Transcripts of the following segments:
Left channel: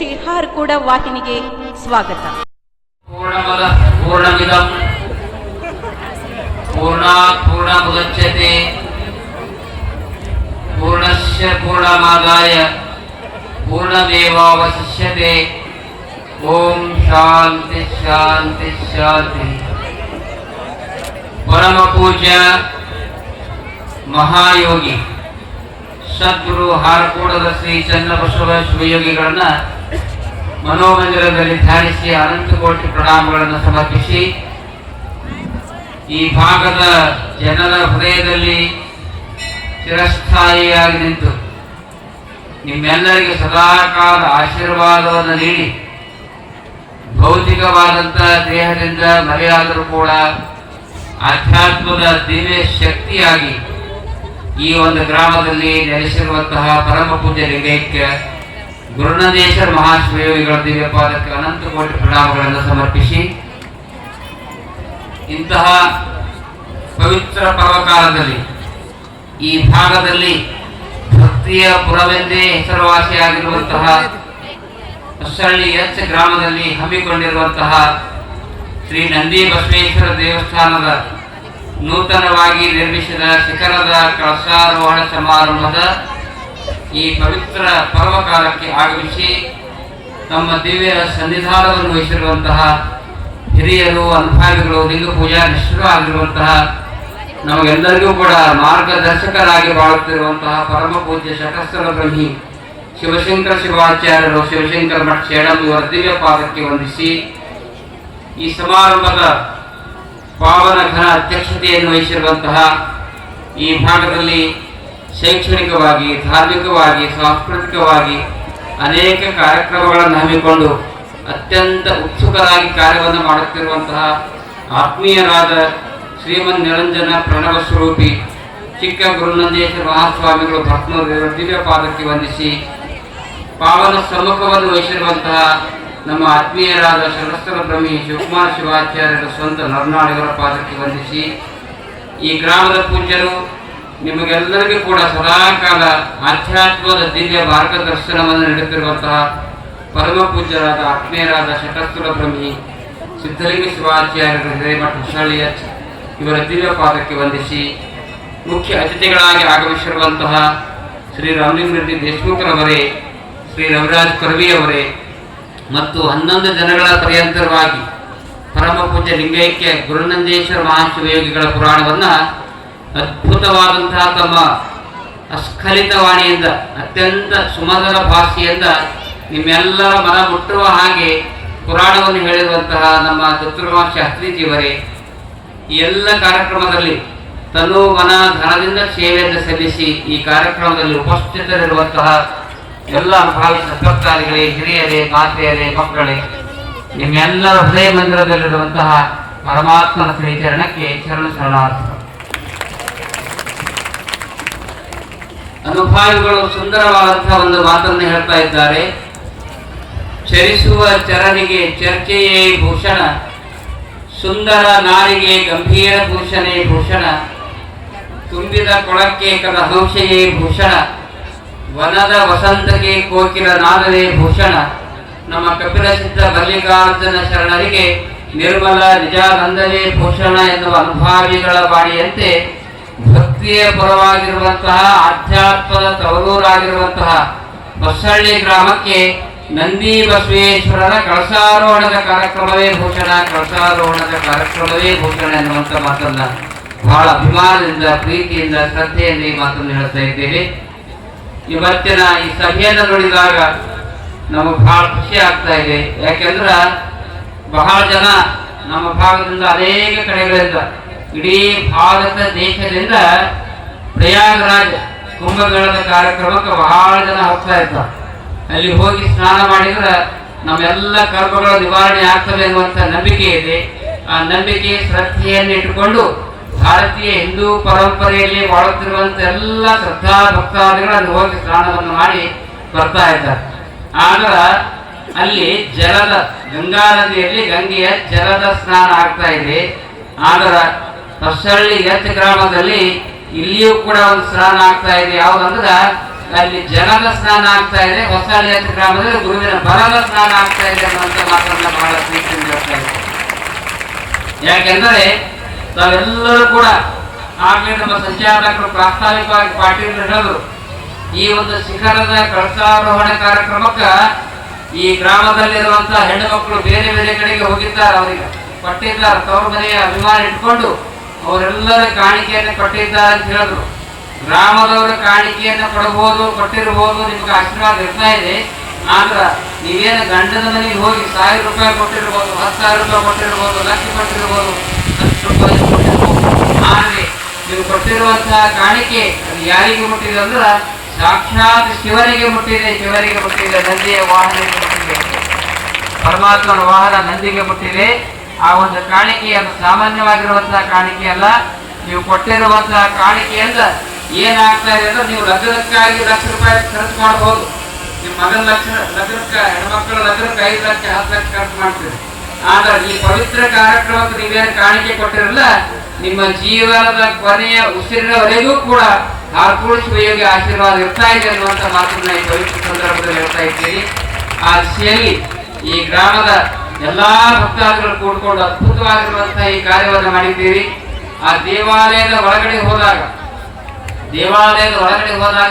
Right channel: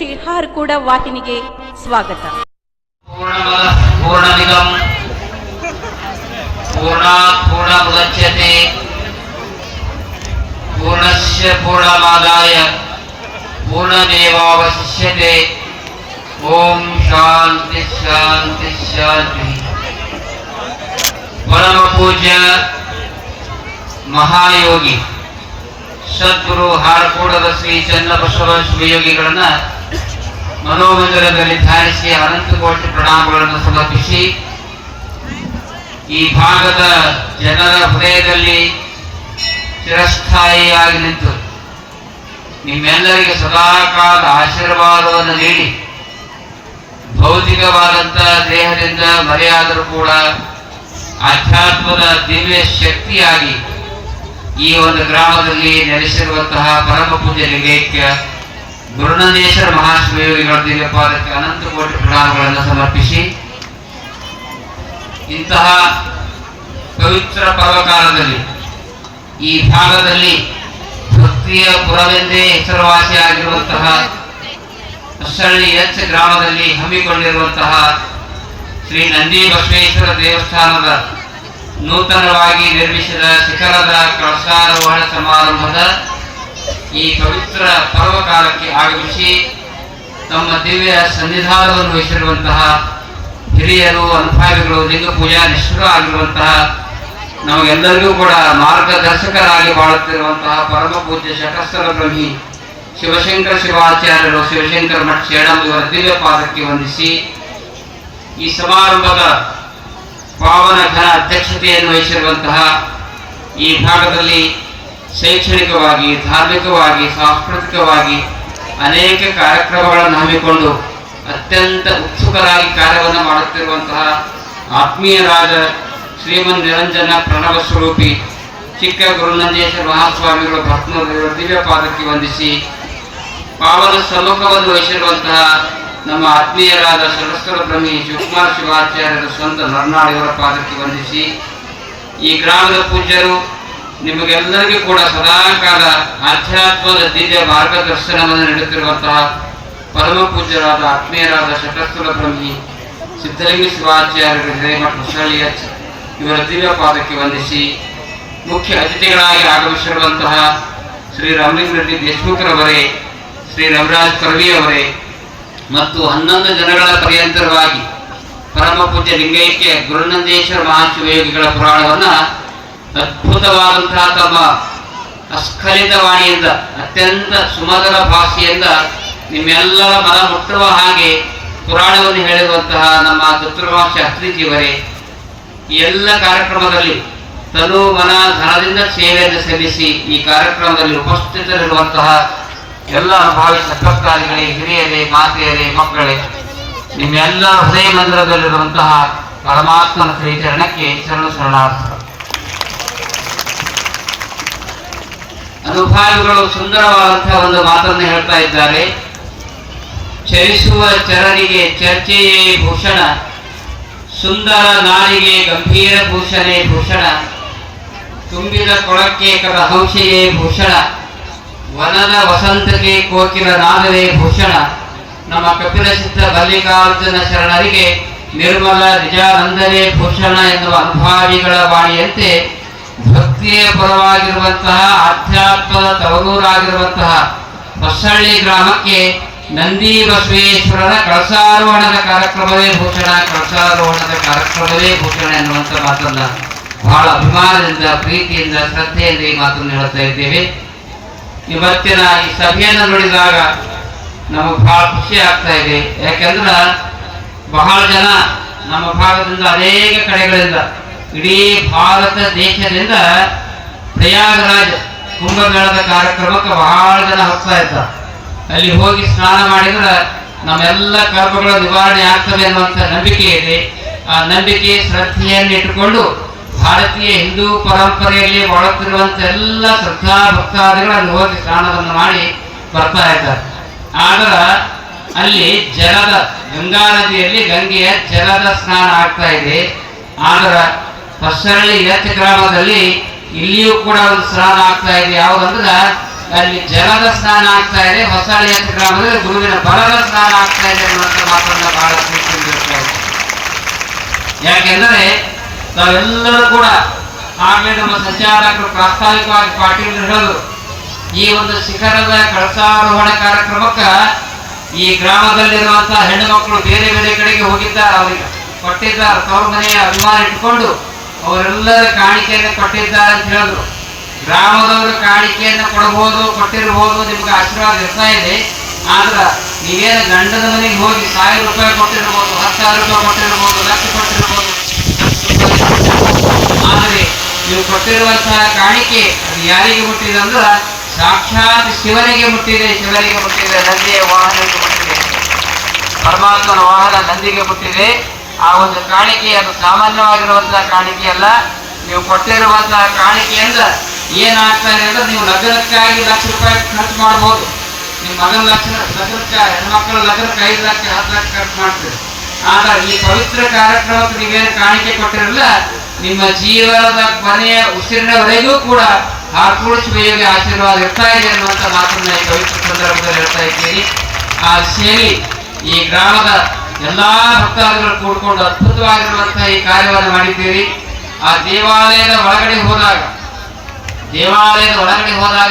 ಶ್ರೀ ಹಾರ್ಕೂಡ ವಾಹಿನಿಗೆ ಸ್ವಾಗತ. पूर्णमुदच्यते पूर्णस्य पूर्णमादाय पूर्णमेवावशिष्यते. ओम शांति शांति शांति. परम पूज्य महायोगी ಸದ್ಗುರು ಹಾರ್ಕೂಡದ ಶ್ರೀ ಚನ್ನಬಸವ ಶಿವಯೋಗಿಗಳನ್ನ ಮನೋಮಂದಿರದಲ್ಲಿ ಧ್ಯಾನಿಸಿ ಅನಂತ ಕೋಟಿ ಪ್ರಣಾಮಗಳನ್ನು ಸಮರ್ಪಿಸಿ ಈ ಭಾಗದ ಜನರ ಹೃದಯದಲ್ಲಿ ಚಿರಸ್ಥಾಯಿಯಾಗಿ ನಿಂತು ನಿಮ್ಮೆಲ್ಲರಿಗೆ ಸದಾಕಾಲ ಆಶೀರ್ವಾದವನ್ನು ನೀಡಿ ಭೌತಿಕವಾದಂಥ ದೇಹದಿಂದ ಮರೆಯಾದರೂ ಕೂಡ ಆಧ್ಯಾತ್ಮದ ದಿವ್ಯ ಶಕ್ತಿಯಾಗಿ ಈ ಒಂದು ಗ್ರಾಮದಲ್ಲಿ ನೆಲೆಸಿರುವಂತಹ ಪರಮ ಪೂಜ್ಯ ಲಿಂಗೈಕ್ಯ ಗುರುನಂದೇಶ್ವರ ಮಹಾಶಿವಯೋಗಿಗಳ ದಿವ್ಯ ಪಾದಕ್ಕೆ ಅನಂತ ಕೋಟಿ ಪ್ರಣಾಮಗಳನ್ನು ಸಮರ್ಪಿಸಿ ಇಂತಹ ಪವಿತ್ರ ಪರ್ವಕಾಲದಲ್ಲಿ ಈ ಭಾಗದಲ್ಲಿ ಭಕ್ತಿಯ ಪುರವೆಂದೇ ಹೆಸರುವಾಸಿಯಾಗಿರುವಂತಹ ಹೊಸಳ್ಳಿ ಎಚ್ ಗ್ರಾಮದಲ್ಲಿ ಹಮ್ಮಿಕೊಂಡಿರುವಂತಹ ಶ್ರೀ ನಂದಿ ಬಸವೇಶ್ವರ ದೇವಸ್ಥಾನದ ನೂತನವಾಗಿ ನಿರ್ಮಿಸಿದ ಶಿಖರದ ಕಳಸಾರೋಹಣ ಸಮಾರಂಭದ ಈ ಪವಿತ್ರ ಪರ್ವಕಾಲಕ್ಕೆ ಆಗಮಿಸಿ ತಮ್ಮ ದಿವ್ಯ ಸನ್ನಿಧಾನವನ್ನು ವಹಿಸಿರುವಂತಹ ಹಿರಿಯರು, ಅನುಭಾವಿಗಳು, ಲಿಂಗ ಪೂಜಾ ನಿಷ್ಠರು ಆಗಿರುವಂತಹ ನಮಗೆಲ್ಲರಿಗೂ ಕೂಡ ಮಾರ್ಗದರ್ಶಕರಾಗಿ ಬಾಳುತ್ತಿರುವಂತಹ ಪರಮ ಪೂಜ್ಯ ಶತಸ್ಥಲ ಬ್ರಹ್ಮಿ ಶಿವಶಂಕರ ಶಿವಾಚಾರ್ಯರು, ಶಿವಶಂಕರ ಮಠ ಸೇಡಂ ಇವರ ದಿವ್ಯ ಪಾದಕ್ಕೆ ವಂದಿಸಿ ಈ ಸಮಾರಂಭದ ಪಾವನ ಘನ ಅಧ್ಯಕ್ಷತೆಯನ್ನು ವಹಿಸಿರುವಂತಹ ಈ ಭಾಗದಲ್ಲಿ ಶೈಕ್ಷಣಿಕವಾಗಿ, ಧಾರ್ಮಿಕವಾಗಿ, ಸಾಂಸ್ಕೃತಿಕವಾಗಿ ಅನೇಕ ಕಾರ್ಯಕ್ರಮಗಳನ್ನು ಹಮ್ಮಿಕೊಂಡು ಅತ್ಯಂತ ಉತ್ಸುಕರಾಗಿ ಕಾರ್ಯವನ್ನು ಮಾಡುತ್ತಿರುವಂತಹ ಆತ್ಮೀಯರಾದ ಶ್ರೀಮನ್ ನಿರಂಜನ ಪ್ರಣವ ಸ್ವರೂಪಿ ಚಿಕ್ಕ ಗುರುನಂದೇಶ್ವರ ಮಹಾಸ್ವಾಮಿಗಳು ಭಕ್ತನೂರು ದಿವ್ಯ ಪಾದಕ್ಕೆ ವಂದಿಸಿ ಪಾವನ ಸಮ್ಮುಖವನ್ನು ವಹಿಸಿರುವಂತಹ ನಮ್ಮ ಆತ್ಮೀಯರಾದ ಸಹಸ್ರ ಬ್ರಹ್ಮಿ ಶಿವಕುಮಾರ ಶಿವಾಚಾರ್ಯರ ಸ್ವಂತ ನರನಾಡಿಯವರ ಪಾದಕ್ಕೆ ವಂದಿಸಿ ಈ ಗ್ರಾಮದ ಪೂಜ್ಯರು ನಿಮಗೆಲ್ಲರಿಗೂ ಕೂಡ ಸದಾಕಾಲ ಆಧ್ಯಾತ್ಮದ ದಿವ್ಯ ಮಾರ್ಗದರ್ಶನವನ್ನು ನೀಡುತ್ತಿರುವಂತಹ ಪರಮ ಪೂಜ್ಯರಾದ ಆತ್ಮೀಯರಾದ ಶತಸ್ಥಲ ಬ್ರಹ್ಮಿ ಸಿದ್ಧಲಿಂಗ ಶಿವಾಚಾರ್ಯರು ಹಿರೇಮಠ ಹೊಸಳ್ಳಿ ಇವರ ದಿವ್ಯ ಪಾದಕ್ಕೆ ವಂದಿಸಿ ಮುಖ್ಯ ಅತಿಥಿಗಳಾಗಿ ಆಗಮಿಸಿರುವಂತಹ ಶ್ರೀ ರಾಮಲಿಂಗರೆಡ್ಡಿ ದೇಶಮುಖರವರೇ, ಶ್ರೀ ರವಿರಾಜ್ ಕರ್ವಿಯವರೇ ಮತ್ತು 11 ದಿನಗಳ ಪರ್ಯಂತರವಾಗಿ ಪರಮ ಪೂಜ್ಯ ಲಿಂಗೈಕ್ಯ ಗುರುನಂದೇಶ್ವರ ಮಹಾಶಿವಯೋಗಿಗಳ ಪುರಾಣವನ್ನ ಅದ್ಭುತವಾದಂತಹ ತಮ್ಮ ಅಸ್ಖಲಿತ ವಾಣಿಯಿಂದ ಅತ್ಯಂತ ಸುಮಧುರ ಭಾಷೆಯಿಂದ ನಿಮ್ಮೆಲ್ಲರ ಮನ ಮುಟ್ಟುವ ಹಾಗೆ ಪುರಾಣವನ್ನು ಹೇಳಿರುವಂತಹ ನಮ್ಮ ದತ್ತುರ್ಮ ಶಾಸ್ತ್ರೀಜಿಯವರೇ ಈ ಎಲ್ಲ ಕಾರ್ಯಕ್ರಮದಲ್ಲಿ ತನು ಮನ ಧನದಿಂದ ಸೇವೆಯನ್ನು ಸಲ್ಲಿಸಿ ಈ ಕಾರ್ಯಕ್ರಮದಲ್ಲಿ ಉಪಸ್ಥಿತರಿರುವಂತಹ ಎಲ್ಲ ಅನುಭಾವಿ ಸತ್ವಕ್ತಾರಿಗಳೇ, ಹಿರಿಯರೇ, ಮಾತೆಯರೇ, ಮಕ್ಕಳೇ, ನಿಮ್ಮೆಲ್ಲ ಹೃದಯ ಮಂದಿರದಲ್ಲಿರುವಂತಹ ಪರಮಾತ್ಮನ ಶ್ರೀಚರಣಕ್ಕೆ ಶರಣಾರ್ಥಿ. ಅನುಭಾವಿಗಳು ಸುಂದರವಾದಂತಹ ಒಂದು ಮಾತನ್ನು ಹೇಳ್ತಾ ಇದ್ದಾರೆ. ಚರಿಸುವ ಚರನಿಗೆ ಚರ್ಚೆಯೇ ಭೂಷಣ, ಸುಂದರ ನಾರಿಗೆ ಗಂಭೀರ ಭೂಷಣೆ ಭೂಷಣ, ತುಂಬಿದ ಕೊಳಕ್ಕೆ ಕರಹಂಸೆಯೇ ಭೂಷಣ, ವನದ ವಸಂತಕ್ಕೆ ಕೋಕಿಲ ನಾದವೇ ಭೂಷಣ. ನಮ್ಮ ಕಪಿಲ ಸಿದ್ಧ ಮಲ್ಲಿಕಾರ್ಜುನ ಶರಣರಿಗೆ ನಿರ್ಮಲ ನಿಜಾನಂದವೇ ಭೂಷಣ ಎನ್ನುವ ಅನುಭಾವಿಗಳ ವಾಣಿಯಂತೆ ಭಕ್ತಿಯ ಪರವಾಗಿರುವಂತಹ ಆಧ್ಯಾತ್ಮದ ತವರೂರಾಗಿರುವಂತಹ ಹೊಸಳ್ಳಿ ಗ್ರಾಮಕ್ಕೆ ನಂದಿ ಬಸವೇಶ್ವರನ ಕಳಸಾರೋಹಣದ ಕಾರ್ಯಕ್ರಮವೇ ಭೂಷಣ, ಕಳಸಾರೋಹಣದ ಕಾರ್ಯಕ್ರಮವೇ ಭೂಷಣ ಎನ್ನುವಂಥ ಮಾತನ್ನ ಬಹಳ ಅಭಿಮಾನದಿಂದ, ಪ್ರೀತಿಯಿಂದ, ಶ್ರದ್ಧೆಯಿಂದ ಈ ಮಾತನ್ನು ಹೇಳ್ತಾ ಇದ್ದೇವೆ. ಇವತ್ತಿನ ಈ ಸಭೆಯನ್ನು ನೋಡಿದಾಗ ನಮಗೆ ಬಹಳ ಖುಷಿ ಆಗ್ತಾ ಇದೆ. ಯಾಕೆಂದ್ರೆ ಬಹಳ ಜನ ನಮ್ಮ ಭಾಗದಿಂದ ಅನೇಕ ಕಡೆಗಳಿಂದ ಇಡೀ ಭಾರತ ದೇಶದಿಂದ ಪ್ರಯಾಗರಾಜ್ ಕುಂಭಮೇಳದ ಕಾರ್ಯಕ್ರಮಕ್ಕೆ ಬಹಳ ಜನ ಹೋಗ್ತಾ ಇದ್ದಾರೆ. ಅಲ್ಲಿ ಹೋಗಿ ಸ್ನಾನ ಮಾಡಿದ್ರೆ ನಮ್ಮೆಲ್ಲ ಕರ್ಮಗಳು ನಿವಾರಣೆ ಆಗ್ತವೆ ಅನ್ನುವಂಥ ನಂಬಿಕೆ ಇದೆ. ಆ ನಂಬಿಕೆ, ಶ್ರದ್ಧೆಯನ್ನು ಇಟ್ಟುಕೊಂಡು ಭಾರತೀಯ ಹಿಂದೂ ಪರಂಪರೆಯಲ್ಲಿ ಬಾಳುತ್ತಿರುವಂಥ ಎಲ್ಲ ಶ್ರದ್ಧಾ ಭಕ್ತಾದಿಗಳು ಅಲ್ಲಿ ಹೋಗಿ ಸ್ನಾನವನ್ನು ಮಾಡಿ ಬರ್ತಾ ಇದ್ದಾರೆ. ಆದ್ರೆ ಅಲ್ಲಿ ಜಲದ ಗಂಗಾ ನದಿಯಲ್ಲಿ ಗಂಗೆಯ ಜಲದ ಸ್ನಾನ ಆಗ್ತಾ ಇದೆ. ಆದ್ರೆ ಹೊಸಳ್ಳಿ ಎಚ್ ಗ್ರಾಮದಲ್ಲಿ ಇಲ್ಲಿಯೂ ಕೂಡ ಒಂದು ಸ್ನಾನ ಆಗ್ತಾ ಇದೆ. ಯಾವುದಂದ್ರೆ ಅಲ್ಲಿ ಜಲದ ಸ್ನಾನ ಆಗ್ತಾ ಇದೆ, ಹೊಸಹಳ್ಳಿ ಅಂತ ಗ್ರಾಮದಲ್ಲಿ ಗುರುವಿನ ಬಲದ ಸ್ನಾನ ಆಗ್ತಾ ಇದೆ ಅನ್ನುವಂಥ ಮಾತನ್ನ ಬಹಳ ಪ್ರೀತಿಯಿಂದ ಹೇಳ್ತಾ ಇದೆ. ಯಾಕೆಂದರೆ ತಾವೆಲ್ಲರೂ ಕೂಡ ಆಗಲೇ ನಮ್ಮ ಸಂಚಾಲಕರು ಪ್ರಾಸ್ತಾವಿಕವಾಗಿ ಪಾಟೀಲ್ ಹೇಳಿದ್ರು, ಈ ಒಂದು ಶಿಖರದ ಕಳಸಾರೋಹಣ ಕಾರ್ಯಕ್ರಮಕ್ಕ ಈ ಗ್ರಾಮದಲ್ಲಿರುವಂತಹ ಹೆಣ್ಣು ಮಕ್ಕಳು ಬೇರೆ ಬೇರೆ ಕಡೆಗೆ ಹೋಗಿದ್ದಾರೆ, ಅವರಿಗೆ ಕೊಟ್ಟಿದ್ದಾರೆ, ತವರು ಮನೆಯ ಅಭಿಮಾನ ಇಟ್ಕೊಂಡು ಅವರೆಲ್ಲರ ಕಾಣಿಕೆಯನ್ನು ಕೊಟ್ಟಿದ್ದಾರೆ ಅಂತ ಹೇಳಿದ್ರು. ಗ್ರಾಮದವರು ಕಾಣಿಕೆಯನ್ನು ಕೊಟ್ಟಿರಬಹುದು, ನಿಮ್ಗೆ ಆಶೀರ್ವಾದ ಇರ್ತಾ ಇದೆ. ಆದ್ರೆ ನೀವೇನು ಗಂಡನ ಮನೆಗೆ ಹೋಗಿ 1000 ರೂಪಾಯಿ ಕೊಟ್ಟಿರ್ಬೋದು, 10,000 ರೂಪಾಯಿ ಕೊಟ್ಟಿರ್ಬೋದು, ಲಕ್ಷ ಕೊಟ್ಟಿರ್ಬೋದು, ಆದರೆ ನೀವು ಕೊಟ್ಟಿರುವಂತಹ ಕಾಣಿಕೆ ಅದು ಯಾರಿಗೆ ಮುಟ್ಟಿದೆ ಅಂದ್ರೆ ಸಾಕ್ಷಾತ್ ಶಿವನಿಗೆ ಮುಟ್ಟಿದೆ. ನಂದಿಯ ವಾಹನಕ್ಕೆ ಮುಟ್ಟಿದೆ, ಪರಮಾತ್ಮನ ವಾಹನ ನಂದಿಗೆ ಮುಟ್ಟಿದೆ. ಆ ಒಂದು ಕಾಣಿಕೆ ಅದು ಸಾಮಾನ್ಯವಾಗಿರುವಂತಹ ಕಾಣಿಕೆ ಅಲ್ಲ. ನೀವು ಕೊಟ್ಟಿರುವಂತಹ ಕಾಣಿಕೆಯಿಂದ ಏನಾಗ್ತಾ ಇದೆ ಅಂದ್ರೆ ನೀವು ಲಗ್ನಕ್ಕಾಗಿ 1 ಲಕ್ಷ ರೂಪಾಯಿ ಖರ್ಚು ಮಾಡಬಹುದು. ನಿಮ್ಮ ಮಗನ ಲಗ್ನಕ್ಕೆ ಹೆಣ್ಮಕ್ಳ ಲಗ್ನಕ್ಕೆ 5 ಲಕ್ಷ 10 ಲಕ್ಷ ಖರ್ಚು ಮಾಡ್ತೀರಿ. ಆದರೆ ಈ ಪವಿತ್ರ ಕಾರ್ಯಕ್ರಮಕ್ಕೆ ನೀವೇನು ಕಾಣಿಕೆ ಕೊಟ್ಟಿರಲ್ಲ, ನಿಮ್ಮ ಜೀವನದ ಕೊನೆಯ ಉಸಿರಿನವರೆಗೂ ಕೂಡ ಹಾರ್ಪೂಡಿಸುವ ಯೋಗ್ಯ ಆಶೀರ್ವಾದ ಇರ್ತಾ ಇದೆ ಅನ್ನುವಂಥ ಮಾತನ್ನ ಈ ಪವಿತ್ರ ಸಂದರ್ಭದಲ್ಲಿ ಹೇಳ್ತಾ ಇದ್ದೀರಿ. ಆ ಸೇರಿ ಈ ಗ್ರಾಮದ ಎಲ್ಲಾ ಭಕ್ತಾದಿಗಳು ಕೂಡಿಕೊಂಡು ಅದ್ಭುತವಾಗಿರುವಂತಹ ಈ ಕಾರ್ಯವನ್ನು ಮಾಡಿದ್ದೀರಿ. ಆ ದೇವಾಲಯದ ಒಳಗಡೆ ಹೋದಾಗ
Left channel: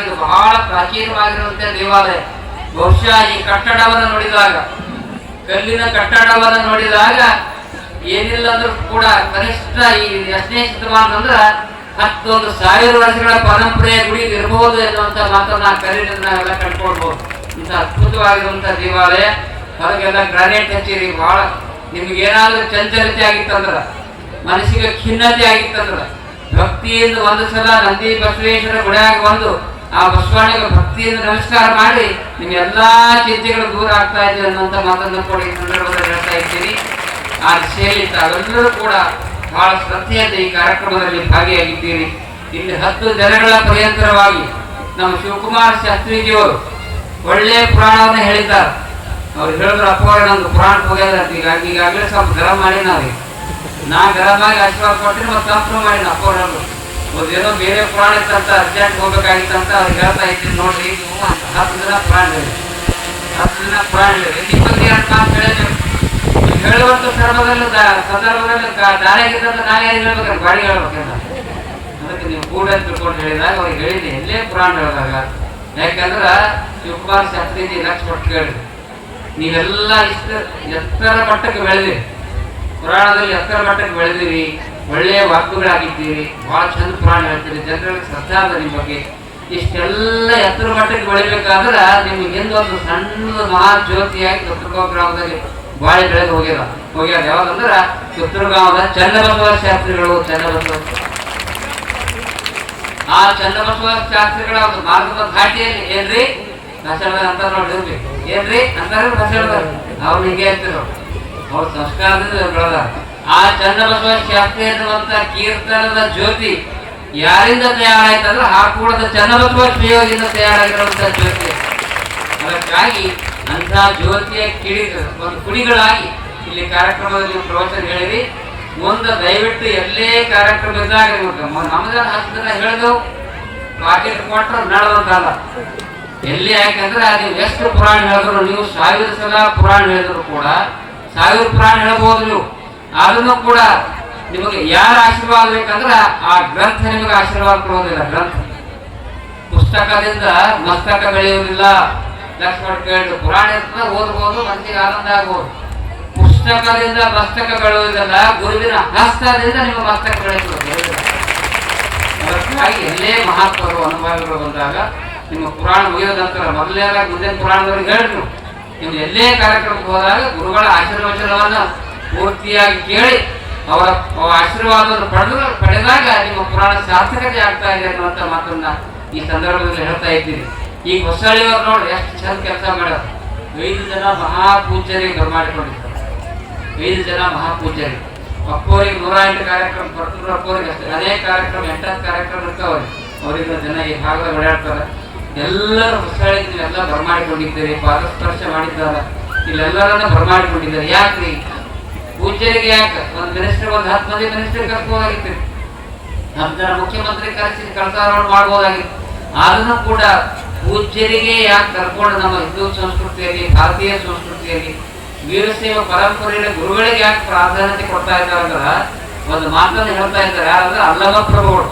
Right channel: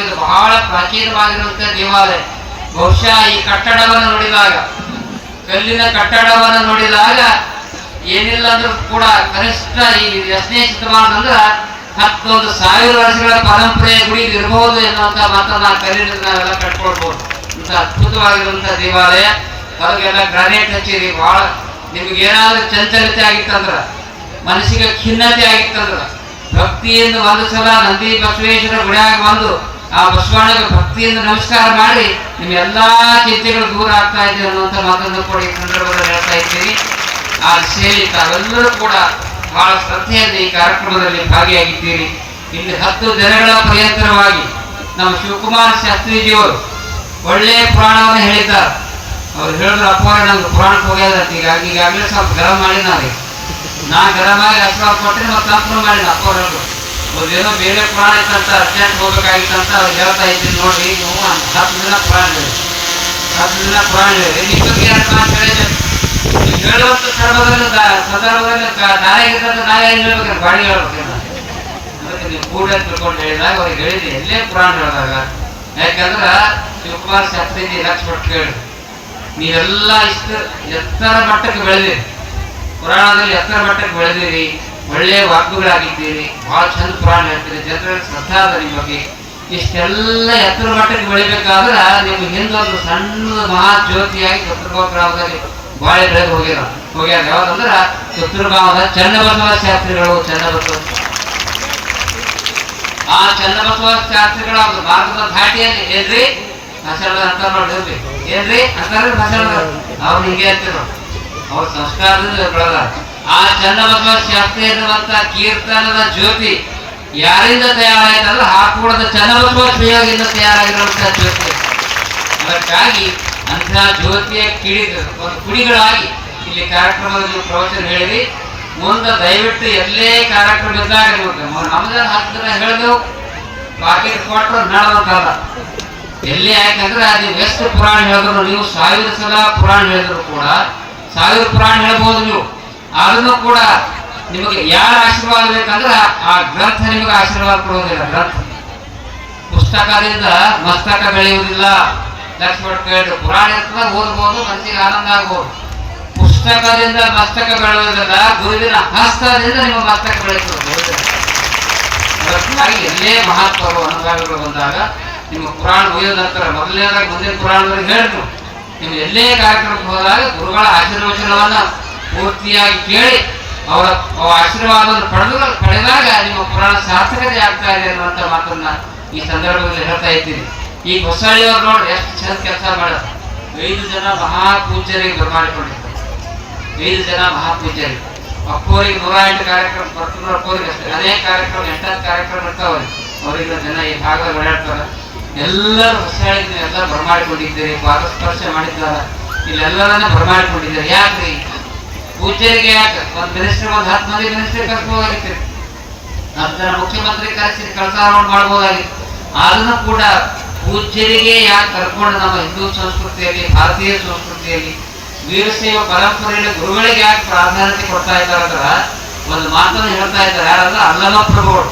ಇದು ಬಹಳ ಪ್ರಾಚೀನವಾಗಿರುವಂತಹ ದೇವಾಲಯ. ಬಹುಶಃ ಈ ಕಟ್ಟಡವನ್ನು ನೋಡಿದಾಗ, ಕಲ್ಲಿನ ಕಟ್ಟಡವನ್ನು ನೋಡಿದಾಗ ಏನಿಲ್ಲ ಅಂದ್ರೂ ಕೂಡ ಕನಿಷ್ಠ ಈ 8ನೇ ಶತಮಾನದಂದ್ರ 11,000 ವರ್ಷಗಳ ಪರಂಪರೆಯ ಗುಡಿ ಇರಬಹುದು ಎನ್ನುವಂತ ಮಾತನ್ನ ಕಲ್ಲಿನಿಂದ ನಾವೆಲ್ಲ ಕಟ್ಕೊಳ್ಬಹುದು. ಇಂಥ ಅದ್ಭುತವಾಗಿರುವಂತಹ ದೇವಾಲಯ. ಹೊರಗೆಲ್ಲ ಗ್ರಾನೈಟ್ ಹಚ್ಚಿರಿ. ಬಹಳ ನಿಮ್ಗೆ ಏನಾದ್ರೂ ಚಂಚಲತೆ ಆಗಿತ್ತಂದ್ರ, ಮನಸ್ಸಿಗೆ ಖಿನ್ನತೆ ಆಗಿತ್ತಂದ್ರ ಭಕ್ತಿಯಿಂದ ಒಂದು ಸಲ ನಂದಿ ಬಸವೇಶ್ವರ ಗುಡಿಯಾಗ ಬಂದು ಆ ಬಸವಣ್ಣಗೆ ಭಕ್ತಿಯಿಂದ ನಮಸ್ಕಾರ ಮಾಡಿ ನಿಮ್ಮ ಎಲ್ಲಾ ಚಿಂತೆಗಳು ದೂರ ಆಗ್ತಾ ಇದೆ ಅನ್ನುವಂಥ ಮಾತನ್ನು ಕೂಡ ಈ ಸಂದರ್ಭದಲ್ಲಿ ಹೇಳ್ತಾ ಇದ್ದೀರಿ. ಆ ಸೇರಿ ತಾವೆಲ್ಲರೂ ಕೂಡ ಬಹಳ ಶ್ರದ್ಧೆಯಿಂದ ಈ ಕಾರ್ಯಕ್ರಮದಲ್ಲಿ ಭಾಗಿಯಾಗಿದ್ದೀರಿ. ಇಲ್ಲಿ 10 ದಿನಗಳ ಪರ್ಯಂತರವಾಗಿ ನಮ್ಮ ಶಿವಕುಮಾರ ಶಾಸ್ತ್ರೀಜಿಯವರು ಒಳ್ಳೆಯ ಪುರಾಣವನ್ನು ಹೇಳಿದ್ದಾರೆ. ಅವ್ರು ಹೇಳಿದ್ರು, ಅಪ್ಪ ನಮ್ಗೆ ಪುರಾಣಕ್ಕೆ ಹೋಗ್ಯದ, ಈಗಾಗಲೇ ಸ್ವಲ್ಪ ಗರಂ ಮಾಡಿ ನಾ ಗರಮಾಗಿ ಆಶೀರ್ವಾದ ಕೊಟ್ಟರೆ ಮತ್ತೆ ಸಂಪೂರ್ಣ ಮಾಡಿ ಅಪ್ಪ ಹೇಳಿದ್ರು. ಏನೋ ಬೇರೆ ಪುರಾಣ ಇತ್ತಂತ ಅರ್ಜೆಂಟ್ ಹೋಗ್ಬೇಕಾಗಿತ್ತಂತ ಅವ್ರು ಹೇಳ್ತಾ ಇದ್ದೀನಿ. ನೋಡ್ರಿ, ನೀವು 10 ದಿನ ಪುರಾಣ ಹೇಳಿ, 10 ದಿನ ಪುರಾಣ ಹೇಳಿ, ನೀವು ಹೇಳುವಂತ ಸಂದರ್ಭದಲ್ಲಿ ನಾನೇ ಹೇಳ್ಬೇಕಂದ್ರೆ ಗಾಡಿ ಹೇಳ್ಬೇಕಂತ ಅದಕ್ಕೆ ನೀವು ಕೂಡ ತಿಳ್ಕೊಂಡು ಹೇಳಿದಾಗ ಅವ್ರಿಗೆ ಹೇಳಿದ್ರಿ, ಎಲ್ಲೇ ಪುರಾಣ ಹೇಳಿದಾಗ. ಯಾಕಂದ್ರೆ ಶಿವಕುಮಾರ ಶಾಸ್ತ್ರೀಜಿ 1 ಲಕ್ಷ ಕೊಟ್ಟು ಕೇಳಿ, ನೀವೆಲ್ಲ ಇಷ್ಟು ಎತ್ತರ ಮಟ್ಟಕ್ಕೆ ಬೆಳೆದಿರಿ, ಪುರಾಣದಲ್ಲಿ ಎತ್ತರ ಮಟ್ಟಕ್ಕೆ ಬೆಳೆದಿರಿ, ಒಳ್ಳೆಯ ವಾಕ್ಯಗಳಾಗಿದ್ದೀರಿ, ಬಹಳ ಚಂದ ಪುರಾಣ ಹೇಳ್ತೀರಿ, ಜನರಲ್ಲಿ ಶ್ರದ್ಧಾ ಅದ ನಿಮ್ಮ ಬಗ್ಗೆ. ಇಷ್ಟೆಲ್ಲ ಎತ್ತರ ಮಟ್ಟಕ್ಕೆ ಬೆಳಿಬೇಕಾದ್ರೆ ನಿಮ್ಗೆ ಹಿಂದೊಂದು ಸಣ್ಣ ಮಹಾ ಜ್ಯೋತಿಯಾಗಿ ಚಿತ್ರಗಾಂವ ಗ್ರಾಮದಲ್ಲಿ ಬಾಳೆ ಬೆಳೆದು ಹೋಗ್ಯಾರ. ಯಾವಾಗಂದ್ರೆ ಚಿತ್ರಗಾಂವದ ಚನ್ನಬಸವ ಶಾಸ್ತ್ರಿಗಳು. ಆ ಚನ್ನಬಸವ ಶಾಸ್ತ್ರಿಗಳ ಒಂದು ಮಾರ್ಗದ ಘಾಟಿಯಲ್ಲಿ ಏನ್ರಿ ಬಸಳ ಅಂತ ನೋಡಿದ್ರಿ, ಏನ್ರಿ ಅಂತಾರೆ ಬಸಳ, ಅವ್ರು ಹಿಂಗೆ ಅಂತಿರು, ಅವ್ರ ಸಂಸ್ಕಾರದಿಂದ ಬೆಳೆದ. ಆ ಚನ್ನಬಸವ ಶಾಸ್ತ್ರಿ ಅನ್ನುವಂತ ಕೀರ್ತನದ ಜ್ಯೋತಿ ಯಾರಿಂದ ತಯಾರಾಯ್ತಂದ್ರೆ ಹಾಕೂಡದ ಚನ್ನಬಸವ ಶ್ರೀಯೋಗಿಂದ ತಯಾರಾಗಿರುವಂತಹ ಜ್ಯೋತಿ. ಅದಕ್ಕಾಗಿ ಅಂತಹ ಜ್ಯೋತಿಯ ಒಂದು ಕುಡಿಗಳಾಗಿ ಇಲ್ಲಿ ಕಾರ್ಯಕ್ರಮದಲ್ಲಿ ಪ್ರವಚನ ಹೇಳಿರಿ. ಮುಂದೆ ದಯವಿಟ್ಟು ಎಲ್ಲೇ ಕಾರ್ಯಕ್ರಮ ಇದ್ದಾಗ ನಮ್ದ 10 ದಿನ ಹೇಳಿದೆವು, ಪಾಕೆಟ್ ಕೊಟ್ಟರು ನಡೆದಂತಲ್ಲ. ಎಲ್ಲಿ ಯಾಕಂದ್ರೆ ನೀವು ಎಷ್ಟು ಪುರಾಣ ಹೇಳಿದ್ರು, ನೀವು 1000 ಸಲ ಪುರಾಣ ಹೇಳಿದ್ರು ಕೂಡ 1000 ಪುರಾಣ ಹೇಳ್ಬೋದು ನೀವು. ಅದನ್ನು ಕೂಡ ನಿಮಗೆ ಯಾರ ಆಶೀರ್ವಾದ ಬೇಕಂದ್ರೆ ಆ ಗ್ರಂಥ ನಿಮಗೆ ಆಶೀರ್ವಾದ ಕೊಡೋದಿಲ್ಲ. ಗ್ರಂಥ ಪುಸ್ತಕದಿಂದ ಮಸ್ತಕ ಬೆಳೆಯುವುದಿಲ್ಲ. ಲಕ್ಷ್ಮಣ ಕೇಳಿ ಪುರಾಣ ಇರ್ತದ, ಓದ್ಬೋದು, ಮನಸ್ಸಿಗೆ ಆನಂದ ಆಗ್ಬೋದು. ಪುಸ್ತಕದಿಂದ ಮಸ್ತಕ ಬೆಳೆಯುವುದಿಲ್ಲ, ಗುರುವಿನ ಹಸ್ತದಿಂದ ನಿಮ್ಮ ಮಸ್ತಕ ಬೆಳೆಯುತ್ತದೆ. ಅದಕ್ಕಾಗಿ ಎಲ್ಲೇ ಮಹತ್ವಗಳು ಅನುಭವಗಳು ಬಂದಾಗ ನಿಮ್ಮ ಪುರಾಣ ಮುಗಿದ ನಂತರ ಮೊದಲನೇದಾಗಿ ಮುಂದಿನ ಪುರಾಣದವರಿಗೆ ಹೇಳಿದ್ರು, ನೀವು ಎಲ್ಲೇ ಕಾರ್ಯಕ್ರಮಕ್ಕೆ ಹೋದಾಗ ಗುರುಗಳ ಆಶೀರ್ವಚನವನ್ನ ಪೂರ್ತಿಯಾಗಿ ಕೇಳಿ ಅವರ ಆಶೀರ್ವಾದವನ್ನು ಪಡೆದಾಗ ನಿಮ್ಮ ಪುರಾಣ ಸಾರ್ಥಕತೆ ಆಗ್ತಾ ಇದೆ ಅನ್ನುವಂಥ ಮಾತನ್ನ ಈ ಸಂದರ್ಭದಲ್ಲಿ ಹೇಳ್ತಾ ಇದ್ದೀರಿ. ಈಗ ಹೊಸಳ್ಳಿಯವ್ರು ನೋಡಿ ಎಷ್ಟು ಚಂದ ಕೆಲಸ ಮಾಡೋದು. 5 ಜನ ಮಹಾಪೂಜ್ಯರಿಗೆ ಬರಮಾಡಿಕೊಂಡಿರ್ತಾರೆ. 5 ಜನ ಮಹಾಪೂಜ್ಯರಿಗೆ ಅಪ್ಪೋರಿಗೆ 108 ಕಾರ್ಯಕ್ರಮ, ಪರ್ತೂರು ಅಪ್ಪೋರಿಗೆ ಅಷ್ಟೇ ಅನೇಕ ಕಾರ್ಯಕ್ರಮ, 8 ಕಾರ್ಯಕ್ರಮ ಇರ್ತಾವ್ರಿ. ಅವರಿಗೆ ಜನ ಈ ಭಾಗದಲ್ಲಿ ಓಡಾಡ್ತಾರೆ. ಎಲ್ಲರೂ ಹೊಸಳ್ಳಿಗೆ ನೀವೆಲ್ಲ ಬರಮಾಡಿಕೊಂಡಿದ್ದೀರಿ, ಪಾದಸ್ಪರ್ಶ ಮಾಡಿದ್ದಾರೆ, ಇಲ್ಲೆಲ್ಲರನ್ನ ಬರಮಾಡಿಕೊಂಡಿದ್ದಾರೆ. ಯಾಕ್ರಿ ಪೂಜ್ಯರಿಗೆ? ಯಾಕೆ ಒಂದು ಮಿನಿಸ್ಟರ್, ಒಂದು 10 ಮಂದಿ ಮಿನಿಸ್ಟರ್ ಕರ್ಸ್ಬೋದಾಗಿತ್ತು, 10 ಜನ ಮುಖ್ಯಮಂತ್ರಿ ಕರೆಸಿ ಕಳಸಾರೋಹಣ ಮಾಡ್ಬೋದಾಗಿತ್ತು. ಅದನ್ನು ಕೂಡ ಪೂಜ್ಯರಿಗೆ ಯಾಕೆ ಕರ್ಕೊಂಡು ನಮ್ಮ ಹಿಂದೂ ಸಂಸ್ಕೃತಿಯಲ್ಲಿ ಭಾರತೀಯ ಸಂಸ್ಕೃತಿಯಲ್ಲಿ ವೀರಶೈವ ಪರಂಪರೆಯ ಗುರುಗಳಿಗೆ ಯಾಕೆ ಪ್ರಾಧಾನ್ಯತೆ ಕೊಡ್ತಾ ಇದ್ದಾರೆ ಅಂದ್ರೆ ಒಂದು ಮಾತನ್ನು ಹೇಳ್ತಾ ಇದ್ದಾರೆ. ಯಾರಂದ್ರೆ ಅಲ್ಲಮ ಪ್ರಭುಗಳು.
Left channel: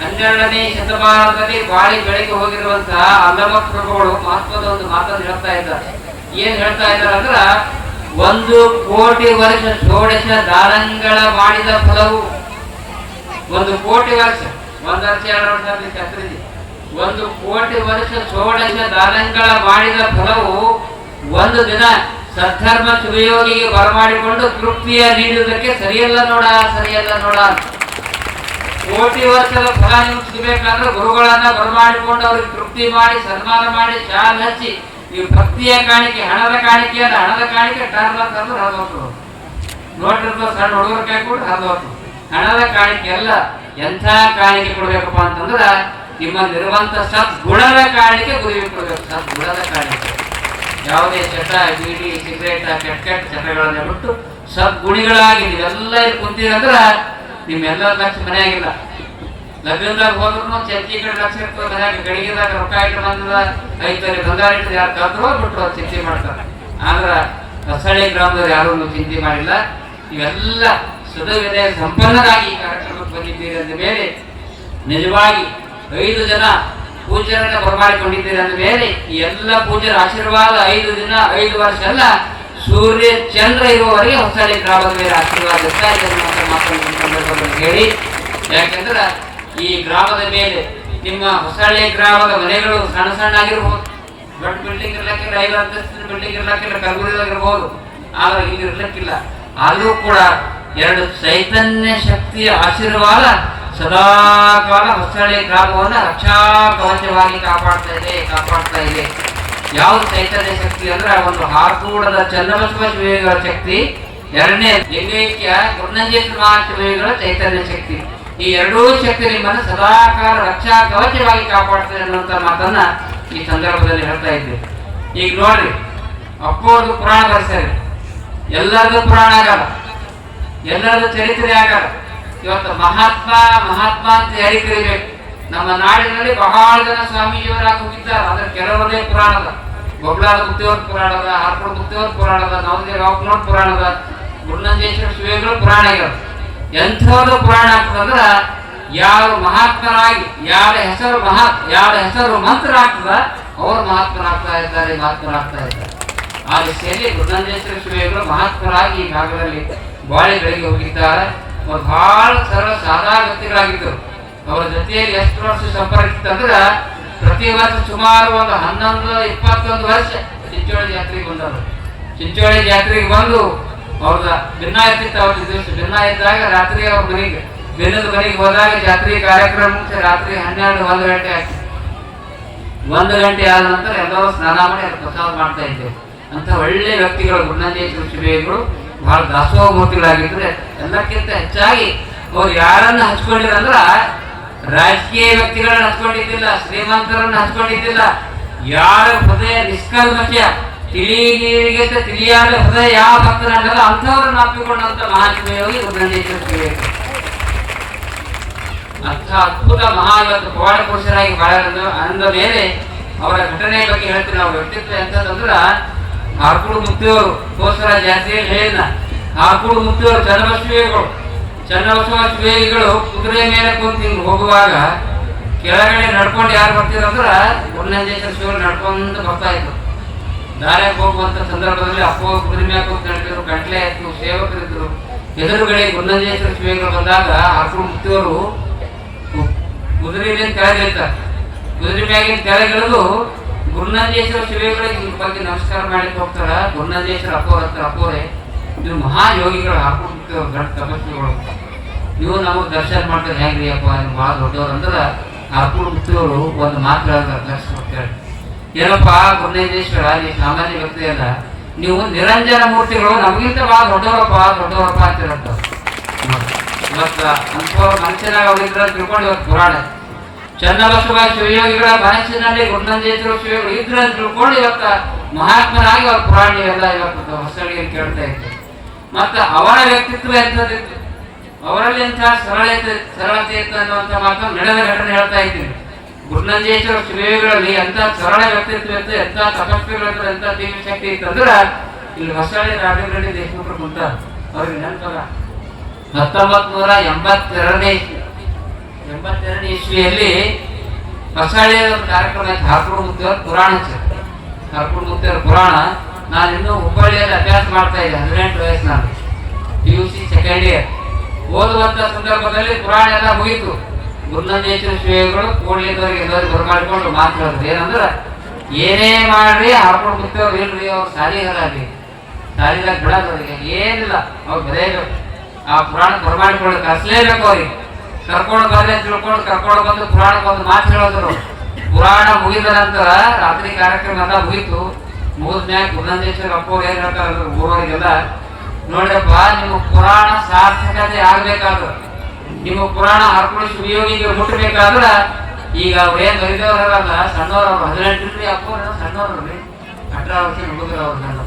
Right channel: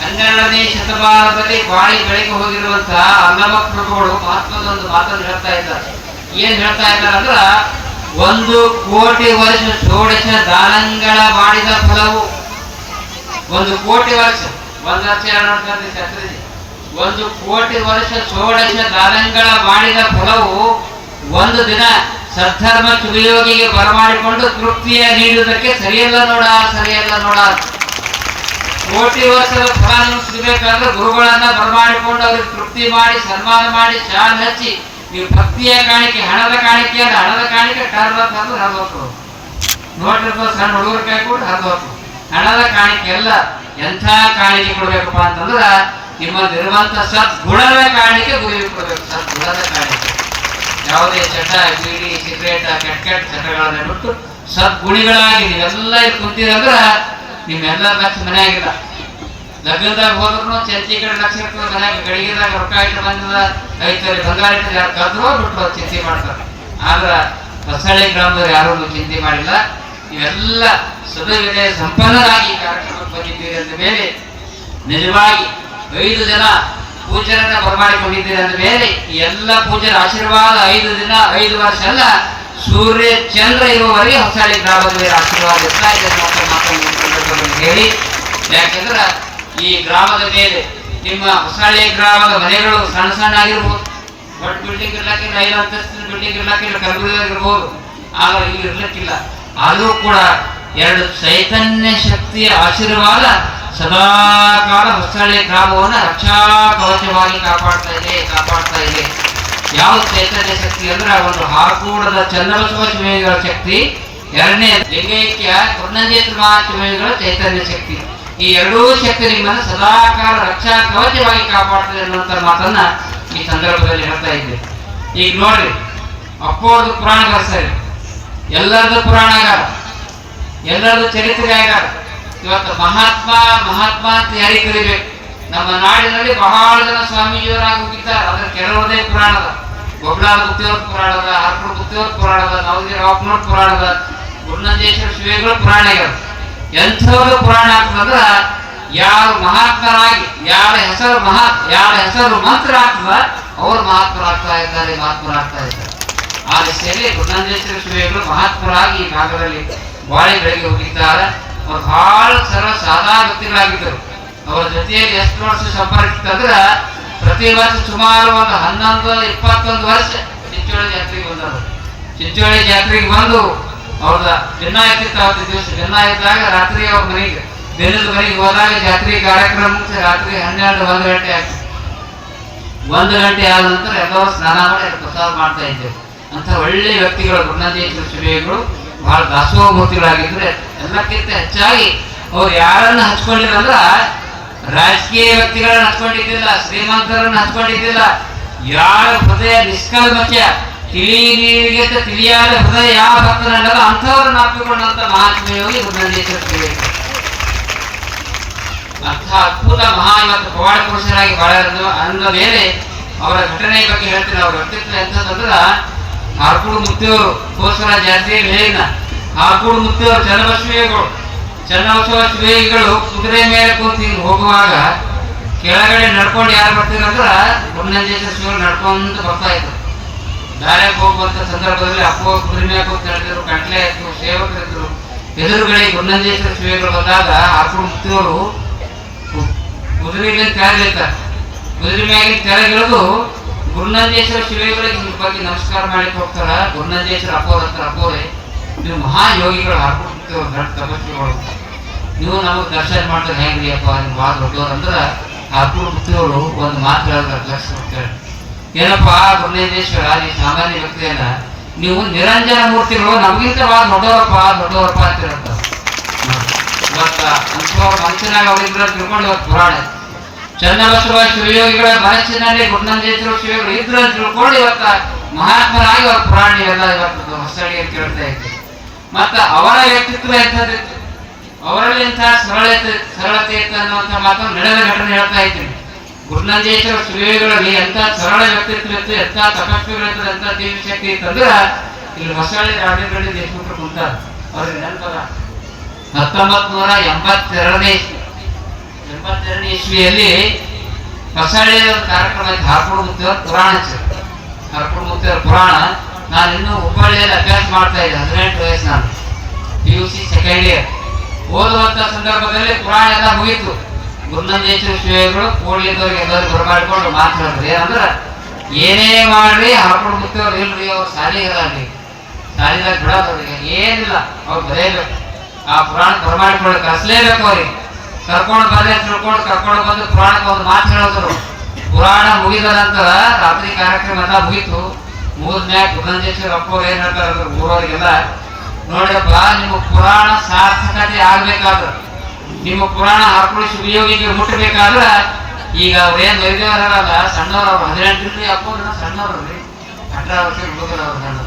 12ನೇ ಶತಮಾನದಲ್ಲಿ ಬಾಳಿ ಬೆಳಗ್ಗೆ ಹೋಗಿರುವಂತಹ ಅಲ್ಲಮ ಪ್ರಭುಗಳು ಮಹತ್ವದ ಒಂದು ಮಾತನ್ನು ಹೇಳ್ತಾ ಇದ್ದಾರೆ. ಏನ್ ಹೇಳ್ತಾ ಇದ್ದಾರೆ ಅಂದ್ರ 1 ಕೋಟಿ ವರ್ಷ ಷೋಡಶ ದಾನಗಳ ಮಾಡಿದ ಫಲವು 1 ಕೋಟಿ ವರ್ಷ 1 ವರ್ಷ 2 ವರ್ಷ 1 ಕೋಟಿ ವರ್ಷ ಷೋಡಶ ದಾನಗಳ ಮಾಡಿದ ಫಲವು ಒಂದು ದಿನ ಸದ್ಧರ್ಮ ಶಿವಯೋಗಿಗೆ ಬರಮಾಡಿಕೊಂಡು ತೃಪ್ತಿಯ ನೀಡುವುದಕ್ಕೆ ಸರಿಯಲ್ಲ ನೋಡ ಸರಿಯಲ್ಲ ನೋಡ. ಕೋಟಿ ವರ್ಷದ ಫಲ ನಿಮ್ಗೆ ಸಿಗಬೇಕಾದ್ರೆ ಗುರುಗಳನ್ನ ಬರಮಾಡಿಕೊಂಡು ಅವ್ರಿಗೆ ತೃಪ್ತಿ ಮಾಡಿ ಸನ್ಮಾನ ಮಾಡಿ ಶಾಲ್ ಹಚ್ಚಿ ನೀವು ಭಕ್ತಿಯ ಕಾಣಿಕೆ ಹಣದ ಕಾಣಿಕೆ ಅಂದ್ರೆ ಹಣದ ಕಾಣಿಕೆ ಟರ್ಲಂತಂದ್ರೆ ಹರಿದೋತು ನೋಟಿರ್ತಾವ ಸಣ್ಣ ಹುಡುಗರ ಕೈ ಕೂಡ ಹರಿದೋತು. ಹಣದ ಕಾಣಿಕೆ ಎಲ್ಲ ಎಂಥ ಕಾಣಿಕೆ ಕೊಡ್ಬೇಕಪ್ಪ ಅಂತಂದ್ರ ನಿಮ್ಮಲ್ಲಿರುವಂತ ಸದ್ಗುಣದ ಕಾಣಿಕೆ ಗುರುವಿಗೆ ಕೊಡ್ಬೇಕು. ಸದ್ಗುಣದ ಕಾಣಿಕೆ ಯಾವುದೇ ಚಟ ಬೀಡಿ ಸಿಗರೇಟ್ ಕೆಟ್ಟ ಚಟಗಳನ್ನ ಬಿಟ್ಟು ಸದ್ಗುಣಿಗಳಾಗಿ ನೀವೆಲ್ಲ ಇಲ್ಲಿ ಕುಂತೀರಂದ್ರ ನಿಮ್ಮೆಲ್ಲರ ಲಕ್ಷ ಮನೆಯಾಗಿಲ್ಲ. ಲಗ್ನದಾಗ ಹೋದ್ರು ಚರ್ಚಿ ಕಡೆ ಲಕ್ಷ ಇರ್ತದೆ ಮನ್ಯಾಗ ಗಡಿಗೆದಾಗ ರೊಕ್ಕ ಇಟ್ಟು ಬಂದ ಐತರಿ ಬಂಗಾರ ಇಟ್ಟು ಯಾರು ಕದ್ರೋ ಬಿಟ್ಟು ಚಿಂತೆ ಮಾಡ್ತಾರೆ. ಆದ್ರ ಹೊಸಳ್ಳಿ ಗ್ರಾಮದವ್ರು ಯಾರು ಚಿಂತೆ ಮಾಡಿಲ್ಲ. ನೀವೆಲ್ಲ ಸದವಿದೆ ಸಂಪನ್ನರಾಗಿ ಈ ಕಾರ್ಯಕ್ರಮಕ್ಕೆ ಬಂದಿದ್ದೀರಿ ಅಂದ ಮೇಲೆ ನಿಜವಾಗಿ 5 ಜನ ಪೂಜರನ್ನ ಬರಮಾಡಿಕೊಂಡಿದ್ದೀರಿ ಅಂದ ಮೇಲೆ ಈ ಎಲ್ಲ ಪೂಜರ ಆಶೀರ್ವಾದ 5 ದಿನ 5 ವರ್ಷ ಅಲ್ಲ ಸೂರ್ಯ ಚಂದ್ರ ಇರುವವರೆಗೆ ಹೊಸಳ್ಳಿ ಗ್ರಾಮದ ಮೇಲೆ ಆಶೀರ್ವಾದ ಇರ್ತಾ ಇದೆ ಹೇಳಿ. ಯಾಕಂದ್ರ ಈ ಗ್ರಾಮದ ಮೇಲೆ ನಿಮ್ಮ ಹೊಸಳ್ಳಿ ಗ್ರಾಮದ ಮನೆಗಳು ಸಣ್ಣ ಸಣ್ಣ ಆಗಿರ್ಬೋದು. ಬಟ್ ಬಿಲ್ಡಿಂಗ್ ಇರ್ಲಕ್ಕಿಲ್ಲ 5 ಅಂತಸ್ತಿನ ಬಿಲ್ಡಿಂಗ್ ಇರ್ಲಕ್ಕಿಲ್ಲ ಕಲಬುರಗಿಯಾಗಿರ್ಬೋದು. ಆದ್ರೆ ಇಲ್ಲಿ ಇರ್ಲಿಕ್ಕಿಲ್ಲ. ಆದರೂ ಕೂಡ 2 ಚೈತನ್ಯ ಶಕ್ತಿಯ ಆಶೀರ್ವಾದ ಸದಾಕಾಲ ಹೊಸಳ್ಳಿ ಗ್ರಾಮವನ್ನು ರಕ್ಷಾ ಕವಚವಾಗಿ ಕಾಪಾಡ್ತಾ ಇದೆ. ಯಾವ ಚೈತನ್ಯ ಶಕ್ತಿ ಅಂದ್ರೆ ಒಂದು ಹಾಕೂಡದ ಚನ್ನಬಸವ ಶಿವಯೋಗಿಗಳ ಶಕ್ತಿ, 2ನೇ ಲಿಂಗೈಕ್ಯ ಗುರುನಂಜೇಶ್ವರ ಮಹಾಶಿವಯೋಗಿಗಳ ಚೈತನ್ಯ ಶಕ್ತಿ. ಈ 2 ಶಕ್ತಿ ನಿಮ್ಮನ್ನು ಸದಾಕಾಲ ರಕ್ಷಾ ಕವಚವಾಗಿ ಕಾಪಾಡ್ತದೆ ಅನ್ನುವಂತ ಮಾತನ್ನ ಈ ಸಂದರ್ಭದಲ್ಲಿ ಹೇಳ್ತಾ ಇದ್ದೆ. ಈಗ ನೋಡ್ರಿ, ಅಪ್ಪೋರ್ದು ಪುರಾಣ ಬರ್ಸರಿ, ಎಲ್ಲರದು ಪುರಾಣ ಆಗಾರ, ಎಲ್ಲರದು ಚರಿತ್ರೆ ಆಗಾರ. ಇವತ್ತು ಮಹಾತ್ಮ ಅಂತ ಯಾರಿಗೆ ಕರಿಬೇಕು? ನಮ್ಮ ನಾಡಿನಲ್ಲಿ ಬಹಳ ಜನ ಸ್ವಾಮೀಜಿಯವರಾಗಿ ಹೋಗಿದ್ದಾರೆ. ಅದ್ರ ಕೆಲವರದೇ ಪುರಾಣದ, ಬೊಬ್ಲಾದ ಗುತ್ತಿಯವ್ರ ಪುರಾಣದ, ಹರ್ಪುರ ಗುತ್ತಿಯವ್ರ ಪುರಾಣದ, ನವಗಿರಿ ರಾಪನೂರ್ ಪುರಾಣದ, ಗುರುನಂಜೇಶ್ವರ ಶಿವಯೋಗಿಗಳ ಪುರಾಣ ಆಗ್ಯಾವ. ಎಂಥವ್ರು ಪುರಾಣ ಆಗ್ತದಂದ್ರ ಯಾರು ಮಹಾತ್ಮರಾಗಿ ಯಾರ ಹೆಸರು ಮಂತ್ರ ಆಗ್ತದ ಅವರು ಮಹಾತ್ಮರಾಗ್ತಾ ಇದ್ದಾರೆ. ಆ ದಿಶೆಯಲ್ಲಿ ಗುರುನಂಜೇಶ್ವರ ಶಿವಯೋಗಿಗಳು ಮಹಾತ್ಮರಾಗಿ ಈ ಭಾಗದಲ್ಲಿ ಬಾಳೆಗಳಿಗೆ ಹೋಗಿದ್ದಾರೆ. ಅವ್ರು ಬಹಳ ಸರಳ ಸಾದಾ ವ್ಯಕ್ತಿಗಳಾಗಿದ್ದರು. ಅವರ ಜೊತೆಯಲ್ಲಿ ಎಷ್ಟು ವರ್ಷ ಸಂಪರ್ಕ ಇತ್ತಂದ್ರ ಪ್ರತಿ ವರ್ಷ ಸುಮಾರು ಒಂದು 11-21 ವರ್ಷ ಚಿಂಚೋಳಿ ಜಾತ್ರೆಗೆ ಬಂದರು. ಚಿಂಚೋಳಿ ಜಾತ್ರೆಗೆ ಬಂದು ಅವ್ರದ ದಿನ ಇರ್ತಿತ್ತು. ಅವತ್ತು ದಿವಸ ದಿನ ಇದ್ದಾಗ ರಾತ್ರಿ ಅವ್ರ ಮನೆಗೆ ದಿನದ ಮನೆಗೆ ಹೋದಾಗ ಜಾತ್ರೆ ಕಾರ್ಯಕ್ರಮ ಮುಗಿಸಿ ರಾತ್ರಿ 12-1 ಗಂಟೆ ಆಗ್ತಿತ್ತು. 1 ಗಂಟೆ ಆದ ನಂತರ ಎಲ್ಲರೂ ಸ್ನಾನ ಮಾಡಿ ಪ್ರಸಾದ ಮಾಡ್ತಾ ಇದ್ದೇವೆ. ಅಂತ ಒಳ್ಳೆ ವ್ಯಕ್ತಿಗಳು ಗುರುನಂಜೇಶ್ವರ ಶಿವಯೋಗಿಗಳು ಬಹಳ ದಾಸೋಹ ಮೂರ್ತಿಗಳಾಗಿದ್ರೆ ಎಲ್ಲಕ್ಕಿಂತ ಹೆಚ್ಚಾಗಿ ಅವ್ರು ಯಾರನ್ನ ಹಚ್ಕೊಂಡಿದ್ರು ಅಂದ್ರ ರಾಜಕೀಯ ವ್ಯಕ್ತಿಗಳನ್ನ ಹಚ್ಕೊಂಡಿದ್ದಿಲ್ಲ, ಶ್ರೀಮಂತರನ್ನ ಹಚ್ಕೊಂಡಿದ್ದಿಲ್ಲ. ಯಾರ ಹೃದಯ ನಿಷ್ಕಲ್ಮಶ ತಿಳಿಗೆ ತಿಳಿಯಾದ ಹೃದಯ ಯಾವ ಭಕ್ತನಲ್ಲ ಅಂಥವ್ರನ್ನ ಅಪ್ಪಿಕೊಂಡಂತ ಮಹಾತ್ಮ ಯೋಗಿ ಗುರುನಂಜೇಶ್ವರ ಶಿವಯೋಗಿ. ಅಂಥ ಅದ್ಭುತ ಇವತ್ತು ಪವಾಡ ಪುರುಷರಾಗಿ ಬಾಳಿದ ಅಂದ ಮೇಲೆ ಅವರ ಘಟನೆ ಬಗ್ಗೆ ಹೇಳ್ತೀನಿ. ಅವ್ರ ವ್ಯಕ್ತಿತ್ವ ಎಂತಂದ್ರ ಹಾರ್ಕೂಡು ಮುತ್ತಿಯವರು ಕೋಸ್ಕರ ಜಾತ್ರೆಯಲ್ಲಿ ಹೇಳಿದ ಹಾರ್ಕೂಡು ಮುತ್ತಿಯವರು ಚನ್ನಬಸವ ಶಿವಯೋಗಿಗಳು ಕುದುರೆ ಮೇಲೆ ಕೂತಿ ಹೋಗುವಾಗ ಕೆಳಗಡೆ ನಡ್ಕೊಂಡು ಯಾರು ಬರ್ತೀರಂದ್ರ ಗುರುನಂಜೇಶ್ವರ ಶಿವಗಳು ನಡ್ಕೊಂಡು ಬರ್ತಾ ಇದ್ರು. ದಾರ್ಯಾಗ ಹೋಗುವಂತ ಸಂದರ್ಭದಲ್ಲಿ ಅಪ್ಪೋ ಕುದುರೆ ಮೇಲೆ ಕೂತು ನಡೆದಿದ್ರು, ಗಂಟ್ಲೆ ಇತ್ತು, ಸೇವಕರಿದ್ರು. ಎದುರುಗಳಿಗೆ ಗುರುನಂಜೇಶ್ವರ ಶಿವಯೋಗಿಗಳು ಬಂದಾಗ ಹಾರ್ಕೂಡು ಮುತ್ತಿಯವರು ಕುದುರೆ ಮೇಲೆ ಕೆಳಗಿಳಿತಾರೆ. ಕುದುರೆ ಮ್ಯಾಗಿನ ಕೆಳಗಿಳಿದು ಗುರುನಂಜೇಶ್ವರ ಶಿವಯೋಗಿಗಳಿಗೆ ನಿಮ್ಮ ಬಗ್ಗೆ ನಮಸ್ಕಾರ ಮಾಡಲಿಕ್ಕೆ ಹೋಗ್ತಾರ. ಗುರುನಂಜೇಶ್ವರ ಅಪ್ಪೋರೆ ನೀವು ಮಹಾಯೋಗಿಗಳು ಹಾಕೊಂಡು ಗಂಟ ತಪಸ್ವಿಗಳು, ನೀವು ನಮಗೆ ದರ್ಶನ ಮಾಡ್ತಾರೆ ಹೆಂಗ್ರಿ ಅಪ್ಪ ನೀವು ಭಾಳ ದೊಡ್ಡವ್ರು ಅಂದ್ರೆ ಹಾಕೊಂಡು ಮುತ್ತಿಯವರು ಒಂದು ಮಾತು ಹೇಳಿದ್ರೆ ಲಕ್ಷ ಕೊಡ್ತಾರೆ. ಏನಪ್ಪ ಗುರುನಂಜೇಶ್ವರ ನೀವು ಸಾಮಾನ್ಯ ವ್ಯಕ್ತಿ ಅಲ್ಲ, ನೀವು ನಿರಂಜನ ಮೂರ್ತಿಗಳು ನಮಗಿಂತ ಭಾಳ ದೊಡ್ಡವರಪ್ಪ ಅಂತಿರಂತ. ಇವತ್ತ ಅಂಥವ್ರ ಮನಸ್ಸಿನಾಗ ಹೋಗಿದ್ರೆ ತಿಳ್ಕೊಂಡು ಇವತ್ತು ಪುರಾಣ ಚನ್ನಬಸವ ಶಿವಯೋಗಿಗಳ ಮನಸ್ಸಿನಲ್ಲಿ ಗುರುನಂಜೇಶ್ವರ ಶಿವಯೋಗಿಗಳು ಇದ್ರು ಅಂತ ತಿಳ್ಕೊಂಡು ಇವತ್ತ ಮಹಾತ್ಮರಾಗಿ ಅವ್ರ ಪುರಾಣ ಎಲ್ಲ ಇವತ್ತು ಹೊಸಳಿಗೆ ಕೇಳ್ತಾ ಇತ್ತು. ಮತ್ತ ಅವರ ವ್ಯಕ್ತಿತ್ವ ಎಂಥದ್ದಿತ್ತು, ಅವರಲ್ಲಿ ಎಂಥ ಸರಳತೆ ಇತ್ತು ಅನ್ನುವಂಥ ಮಾತನ್ನು ನಡೆದ ಘಟನೆ ಹೇಳ್ತಾ ಇದ್ದೀನಿ. ಗುರುನಂದೇಶ್ವರ ಶ್ರೀಗಳಲ್ಲಿ ಎಂತ ಸರಳ ವ್ಯಕ್ತಿತ್ವ ಇತ್ತು, ಎಂತ ತಪಸ್ವಿಗಳಿತ್ತು, ಎಂತ ದಿವ್ಯ ಶಕ್ತಿ ಇತ್ತಂದ್ರ ಇಲ್ಲಿ ಹೊಸಳ್ಳಿ ರಾಜೇಂದ್ರ ದೇಶಮುಖರು ಕುಂತಾರ. ಅವ್ರಿಗೆ ನೆನಪದ 1982 ಇಸ್ವಿಯಲ್ಲಿ ಹೊಸಳ್ಳಿ ಒಂದು ಕಾರ್ಯಕ್ರಮ ಆಯ್ತು. ಹಾರ್ಕೂಡ್ ಮುತ್ತಿಯವ್ರ ಪುರಾಣ. ಹಾರ್ಕೂಡ್ ಮುತ್ತಿಯವ್ರ ಪುರಾಣ ನಾನು ಇನ್ನೂ ಹುಬ್ಬಳ್ಳಿಯಲ್ಲಿ ಅಭ್ಯಾಸ ಮಾಡ್ತಾ ಇದ್ದೆ. 18 ವಯಸ್ಸು ನಾನು PUC ಸೆಕೆಂಡ್ ಇಯರ್ ಓದುವಂತ ಸಂದರ್ಭದಲ್ಲಿ ಪುರಾಣ ಎಲ್ಲ ಮುಗೀತು. ಗುರುನಂದೇಶ್ವರ ಶ್ರೀಗಳು ಕೂಡ್ಲಿದ್ದವ್ರಿಗೆ ಎಲ್ಲರಿಗೂ ಬರಮಾಡಿಕೊಂಡು ಮಾತಾಡೋದು ಏನಂದ್ರ ಏನೇ ಮಾಡ್ರಿ ಹಾರ್ಕೊಂಡು ಮುತ್ತವ್ರು ಇಲ್ರಿ, ಅವ್ರು ಸಾಲಿಗರಾಗ್ರಿ, ಸಾಲಿದಾಗ ಬಿಡೋದವ್ರಿಗೆ ಏನಿಲ್ಲ, ಅವ್ರು ಬರೆಯಬೇಕು. ಆ ಪುರಾಣ ಬರಮಾಡಿಕೊಂಡು ಕಳಿಸ್ಲೇಬೇಕು. ಅವ್ರಿಗೆ ಕರ್ಕೊಂಡು ಬರ್ರಿ ಅಂತ ತಿಳ್ಕೊಂಡು ಕರ್ಕೊಂಡು ಬಂದು ಪುರಾಣಕ್ಕೆ ಒಂದು ಮಾತು ಹೇಳಿದ್ರು. ಪುರಾಣ ಮುಗಿದ ನಂತರ ರಾತ್ರಿ ಕಾರ್ಯಕ್ರಮ ಎಲ್ಲ ಮುಗೀತು. ಮುಗಿದ್ಮ್ಯಾಗ ಗುರುನಂದೇಶ್ವರ ಅಪ್ಪವ್ರು ಏನ್ ಹೇಳ್ತಾರೆ ಊರವರಿಗೆಲ್ಲ, ನೋಡ್ರಪ್ಪ ನಿಮ್ಮ ಪುರಾಣ ಸಾರ್ಥಕತೆ ಆಗ್ಬೇಕಾದ್ರೆ, ನಿಮ್ಮ ಪುರಾಣ ಹಾರ್ಕೊಂಡು ಸುಯೋಗಿಗೆ ಮುಟ್ಟಬೇಕಾದ್ರ ಈಗ ಅವ್ರೇನ್ ವೈದ್ಯರಲ್ಲ ಸಣ್ಣವ್ರು, ಅವ್ರು 18 ಅಪ್ಪನ ಸಣ್ಣವ್ರಿ, 18 ವರ್ಷ ಹುಡುಗರು ಅವ್ರು ಸಣ್ಣವ್ರು.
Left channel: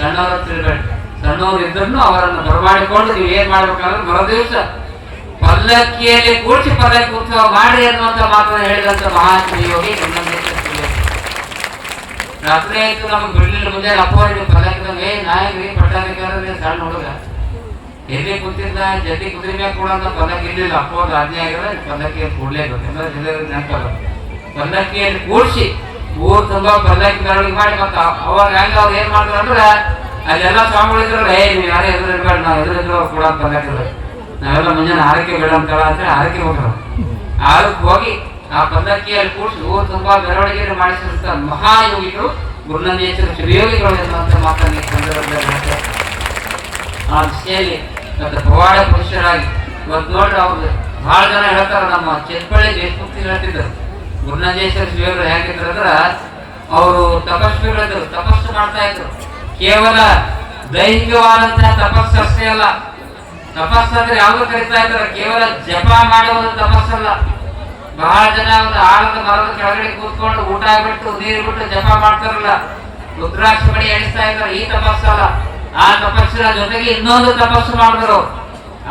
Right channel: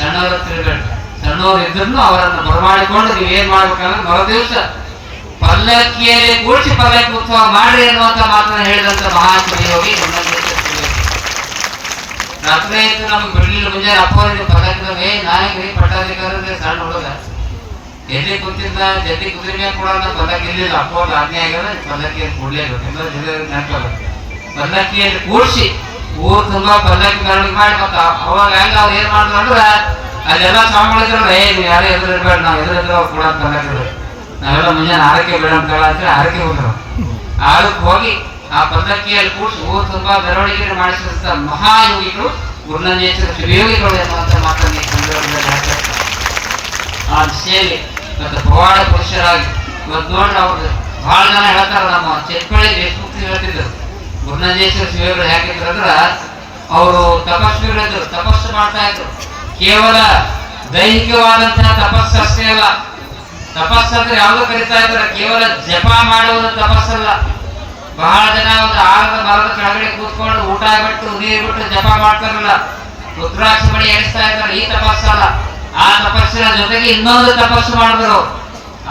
ಸಣ್ಣವ್ರ ತಿಳ್ಬೇಡ್ರಿ, ಸಣ್ಣವ್ರು ಇದ್ರು ಅವರನ್ನು ಬರಮಾಡಿಕೊಂಡು ನೀವ್ ಏನ್ ಮಾಡ್ಬೇಕಂದ್ರೆ ಮರು ದಿವಸ ಪಲ್ಲಕ್ಕಿಯಲ್ಲಿ ಕೂಡಿಸಿ ಪಲ್ಲಕ್ಕಿ ಉತ್ಸವ ಮಾಡ್ರಿ ಅನ್ನುವಂತ ಮಾತನ್ನ ಹೇಳಿದಂತ ಮಹಾಸುಯೋಗಿ ರಾತ್ರಿ ಆಯ್ತು ನಮ್ಗೆ ಬಿಡ್ಲಿಲ್ಲ. ಮುಂಜಾನೆ ಅಪ್ಪ ನೀವು ಪಲ್ಲಕ್ಕಿ ನಾಯಕರಿ ಪಟ್ಟಾಧಿಕಾರಿ ಸಣ್ಣ ಹುಡುಗ ಎಲ್ಲಿ ಕುಂತಿದ್ದ ಜಲ್ದಿ ಕುದುರೆ ಮೇಲೆ ಕೂಡ ಅಂತ ಪಲ್ಲಕ್ಕಿ ಇರ್ಲಿಲ್ಲ. ಅಪ್ಪ ಆಜ್ಞೆ ಆಗಿದ್ರೆ ಪಲ್ಲಕ್ಕಿ ಕೂಡ್ಲೇಬೇಕು. ನೆನಪಲ್ಲ, ಪಲ್ಲಕ್ಕಿಯಲ್ಲಿ ಕೂಡಿಸಿ ಊರು ತುಂಬಾ ಪಲ್ಲಕ್ಕಿ ಮೆರವಣಿಗೆ ಮಾಡಿ ಮತ್ತ ಅವಾಗ ಹೆಂಗ ಅವ್ರು ಏನ್ ಮಾಡಿದ್ರು ಅಂದ್ರ ಅಲ್ಲೆಲ್ಲ ಸ್ವಾಮಿಗಳಿದ್ರು, ನೀವು ಯಾರೇ ಎದುರಿಡ್ಬೇಡ, ನಾವು ಎದುರಿದ್ರು ಅವ್ರು ಕೂಡ ಪಲ್ಲಕ್ಕಿದ್ರು. ನಾವೆಲ್ಲ ಮುಂಜಾನೆ ಆರಕ್ಕೆ ಬೇಡ ಅಂತ ಆರಕ್ಕೆ ಹೋದ್ರು. ಆರಕ್ಕೆ ಹೋಗಿ ಆ ಪಲ್ಲಕ್ಕಿಯಲ್ಲಿ ಕೂಡಿಸಿ ಊರು ತುಂಬಾ ಮೆರವಣಿಗೆ ಮಾಡಿಸಿದಂತ ಮಹಾಯೋಗಿಗಳು ಗುರುನಂದೇಶ್ವರ ಶಿವಯೋಗಿಗಳು ಎನ್ನುವಂತ ಮಾತನ್ನು ಆ ಸೇವೆ ಮತ್ತು ಪವಾಡ ಪುರುಷರಾಗಿ ಇವತ್ತು ನೋಡ್ರಿ ಅವ್ರದ್ದು ಬಹಳ ಜನ ಹೇಳ್ತಾರ. ನಮ್ಮ ಚೆಟ್ಪಳ್ಳಿ ದೇಶಮುಕ್ತಿ ಹೇಳ್ತಿದ್ರು ಗುರುನಂದೇಶ್ವರ ಶಿವಯೋಗಿಗಳು ಹೇಗಿದ್ರು ಅಂದ್ರ ಅವರು ತಪಸ್ವಿಗಳಿದ್ರು, ತಪಸ್ಸು ಮಾಡ್ತಾ ಇದ್ರು. ಕೇವಲ ದೈಹಿಕವಾದಂತಹ ತಪಸ್ಸು ಅಷ್ಟೇ ಅಲ್ಲ, ತಪಸ್ಸಂದ್ರೆ ಯಾವ್ದು ಕರಿತಾ ಇದ್ದಾರೆ, ಕೇವಲ ಜಪ ಮಾಡುವುದು ತಪಸ್ಸಲ್ಲ. ಬಹಳ ಜನ ಒಂದು ಆಲದ ಮರದ ಕೆಳಗಡೆ ಕೂತ್ಕೊಂಡು ಊಟ ಬಿಟ್ಟು ನೀರು ಬಿಟ್ಟು ಜಪ ಮಾಡ್ತಾರಲ್ಲ, ರುದ್ರಾಕ್ಷ ಮಣಿ ಎಣಿಸ್ತಾ ಇದ್ದಾರೆ, ಈ ತಪಸ್ಸಲ್ಲ. ಆ ತಪಸ್ಸಿನ ಜೊತೆಗೆ ಇನ್ನೊಂದು ತಪಸ್ಸು ಮಾಡಿದ್ರು.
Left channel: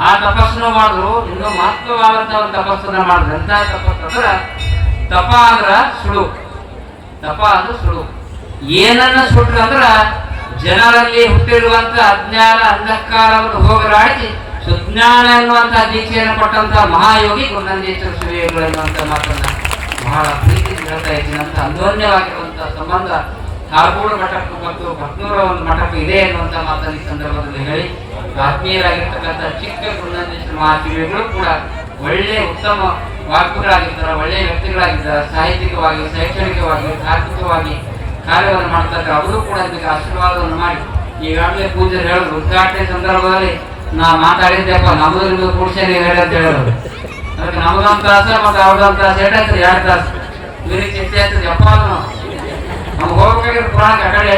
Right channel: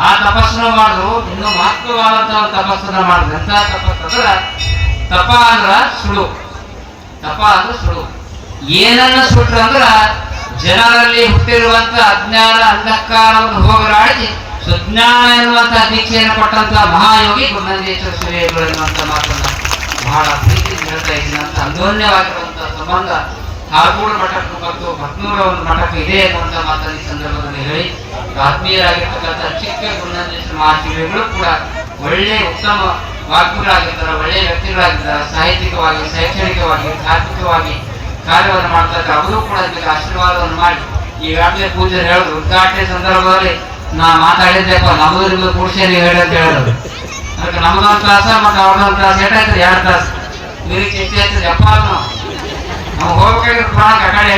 ಆ ತಪಸ್ಸನ್ನು ಮಾಡಿದ್ರು, ಇನ್ನು ಮಹತ್ವವಾದಂತಹ ಒಂದು ತಪಸ್ಸನ್ನ ಮಾಡಿದ್ರು. ಎಂತ ತಪಸ್ಸು ಅಂದ್ರ ತಪ ಅಂದ್ರ ಸುಳು. ತಪ ಅಂದ್ರ ಸುಳು. ಏನನ್ನು ಸುಟ್ರು ಅಂದ್ರ ಜನರಲ್ಲಿ ಹುಟ್ಟಿರುವಂತ ಅಜ್ಞಾನ ಅಂಧಕಾರವನ್ನು ಹೋಗಲಾಡಿಸಿ ಸುಜ್ಞಾನ ಎನ್ನುವಂತಹ ದೀಕ್ಷೆಯನ್ನು ಕೊಟ್ಟಂತ ಮಹಾಯೋಗಿ ಗುರುನಂದೇಶ್ವರ ಶಿವಯೋಗಿಗಳು ಎನ್ನುವಂತ ಮಾತನ್ನ ಬಹಳ ಪ್ರೀತಿಯಿಂದ ಹೇಳ್ತಾ ಇದ್ದೀನಿ. ಅಂತ ಅನ್ಯೋನ್ಯವಾಗಿರುವಂತಹ ಸಂಬಂಧ ಹಾರ್ಕೂಡು ಮಠಕ್ಕೂ ಮತ್ತು ಭಕ್ನೂರ ಒಂದು ಮಠಕ್ಕೂ ಇದೆ ಎನ್ನುವಂತ ಮಾತನ್ನು ಈ ಸಂದರ್ಭದಲ್ಲಿ ಹೇಳಿ, ಆತ್ಮೀಯರಾಗಿರ್ತಕ್ಕಂಥ ಚಿಕ್ಕ ಗುರುನಂದೇಶ್ವರ ಮಹಾಶಿವಯೋಗಿಗಳು ಕೂಡ ಒಳ್ಳೆ ಉತ್ತಮ ವಾಗ್ಮಿಗಳಾಗಿರ್ತಾರೆ, ಒಳ್ಳೆಯ ವ್ಯಕ್ತಿಗಳಾಗಿದ್ದಾರೆ. ಸಾಹಿತ್ಯಿಕವಾಗಿ, ಶೈಕ್ಷಣಿಕವಾಗಿ, ತಾತ್ವಿಕವಾಗಿ ಕಾರ್ಯವನ್ನು ಮಾಡ್ತಾ ಇದ್ದಾರೆ. ಅವರು ಕೂಡ ನಿಮಗೆ ಆಶೀರ್ವಾದವನ್ನು ಮಾಡಿ ಈಗಾಗಲೇ ಪೂಜೆ ಹೇಳಿದ್ರು. ಉದ್ಘಾಟನೆ ಸಂದರ್ಭದಲ್ಲಿ ನಾ ಮಾತಾಡಿದ್ದೆಪ್ಪ, ನಮ್ಮದು ನಿಮ್ದು ಕೂಡ್ಸೆ ನೀವು ಹೇಳಿ ಅಂತ ಹೇಳೋದು. ಅದಕ್ಕೆ ನಮ್ದೊಂದು ತಾಸ ಮತ್ತು ಅವ್ರದೊಂದು ತಾಸ ಏಟಾಯ್ತು, 2 ತಾಸು ಇವ್ರಿಗೆ ಚಿಂತೆ ಆಯ್ತದೆ. ಅಪ್ಪ ನಮ್ಗೆ ಹೋಗ್ಬೇಕಾಗಿ ಪ್ರಾಣಕ್ಕೆ ಆ ಕಡೆ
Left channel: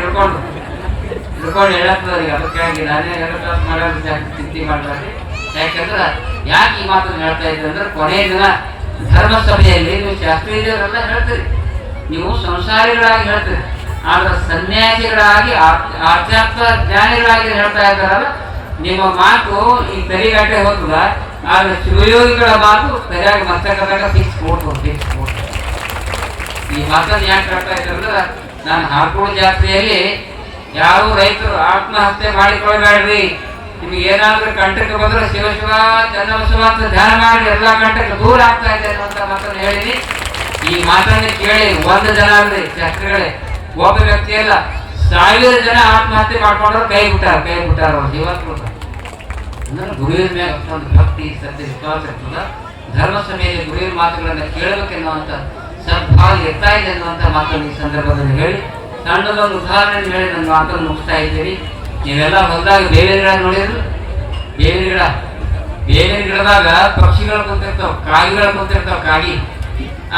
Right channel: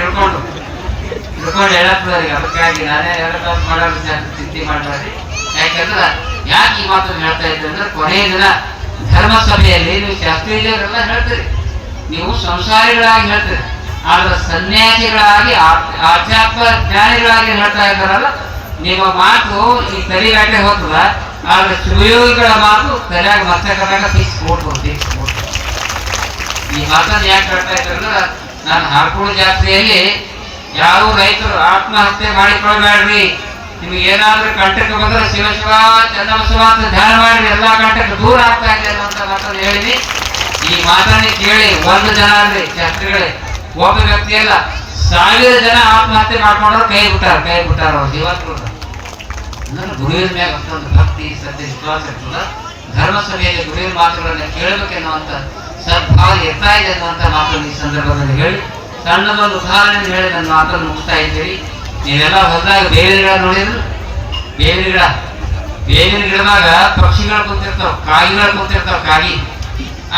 ಹಿಡ್ಕೊಂಡು ಹೇಳತ್ತದ. ಈಗ ಅದಕ್ಕಾಗಿ ನಾನೇ 2 ತಾಸು ಮಾಡೋದು ಚಿಂತೆ ಮಾಡ್ತಾರೆ. ಯಾಕಂದ್ರೆ ಯಾಕೆ ಈ ಮಾತನ್ನು ಹೇಳ್ತಾ ಇದ್ದೆ ಅಂದ್ರೆ, ಕೊನೆಯ ದಿನ ಧರ್ಮ ಸಭೆಯಲ್ಲಿ ನೀವು ಶಾಸ್ತ್ರೀಯರೆಲ್ಲ ಹೇಳ್ತೀರಿ, ನೀವು ಸಂಸಾರಿಗಳಾಗಿ ಹೇಳ್ತೀರಿ, ಆದ್ರೆ ಸನ್ಯಾಸಿಗಳಾಗಿ ಆಧ್ಯಾತ್ಮ ಜ್ಞಾನಿಗಳಾಗಿ ಹೇಳ್ತಾ ಇದ್ದಾರಲ್ಲ, ನಿಮ್ಮ ಮಾತು ಈ ತಲೆಗಟ್ಟೆ ಹೋಗ್ತದ. ಆದ್ರೆ ಶಿವಯೋಗಿಗಳ ಮಾತು ತಲೆಯಾಗಿ ಮಸ್ತಕದಾಗ ಫಿಕ್ಸ್ ಕೊಡ್ಬೋದು. ಈ ಮಾತನ್ನು ಯಾಕೆ ಹೇಳ್ತಾ ಇದ್ದಾರೆ, ನಾನು ಹಾರ್ಕೂಡು ಜಾತ್ರೆಯಲ್ಲಿ ಯಾವ ರೈತರು ಆತ್ಮಹತ್ಯೆ ಮಾಡಿಕೊಳ್ಬೇಡ್ರಿ, ನಿಮ್ಗೆ ಏನಾದ್ರೂ ಕಂಟಕ್ಕೆ ಬಂದ್ರೆ ಶಿವ ಶಿವ ಚನ್ನಬಸವ ಅಂತ ಧ್ಯಾನ ಮಾಡಿ ಎಲ್ಲಾ ಕಂಟಕ್ಕೆ ದೂರ ಆಗ್ತಾ ಇದೆ ಅನ್ನುವಂತ ಮಾತನ್ನು ಹೇಳಿದ್ವಿ. ಈ ಮಾತನ್ನು ಕೇಳಿ 1 ಜನ ಅಲ್ರಿ ಶಾಸ್ತ್ರಿಗಳೇ, ಒಬ್ಬ ವ್ಯಕ್ತಿ ಅಲ್ಲ, 1000 ಜನ ಆತ್ಮಹತ್ಯೆ ಮಾಡ್ಕೊಂಡ್ರು ಕೈ ಬಿಟ್ಟಾರ ಅವ್ರು ಜೀವತ್ರು. ಅಂದ್ರೆ ಗುರುವಿನ ಮೇಲೆ ಅಷ್ಟೊಂದು ಭಕ್ತಿ ಶ್ರದ್ಧೆ ವಿಶ್ವಾಸ ಇರ್ತದ. ಧರ್ಮ ಸಭೆಯಲ್ಲಿ ಗುರುವಿನ ಮಾತುಗಳನ್ನ ಕೇಳಬೇಕೆನ್ನುವಂತ ಸದ್ಭಾವ ಇರ್ತಾ ಇದೆ ಅನ್ನುವಂತ ಮಾತನ್ನು ಈ ಸಂದರ್ಭದಲ್ಲಿ ಹೇಳಿ, ಸಣ್ಣದೊಂದು ಉದಾಹರಣೆ ಹೇಳಿ ನನ್ನ ಮಾತನ್ನು ಮುಗಿಸ್ತಾ ಇದ್ದೀರಿ. ನೀವೆಲ್ಲ ಹೊಲದಾಗ ಬೇವಿನ ಗಿಡ ನೋಡಿದ್ರು, ಬೇವಿನ ಗಿಡದಾಗ ಪಕ್ಷಿಗಳು ಕುಂತಿರ್ತಾವ, ಕಾಗಿಗಳು ಕುಂತಿರ್ತಾವ.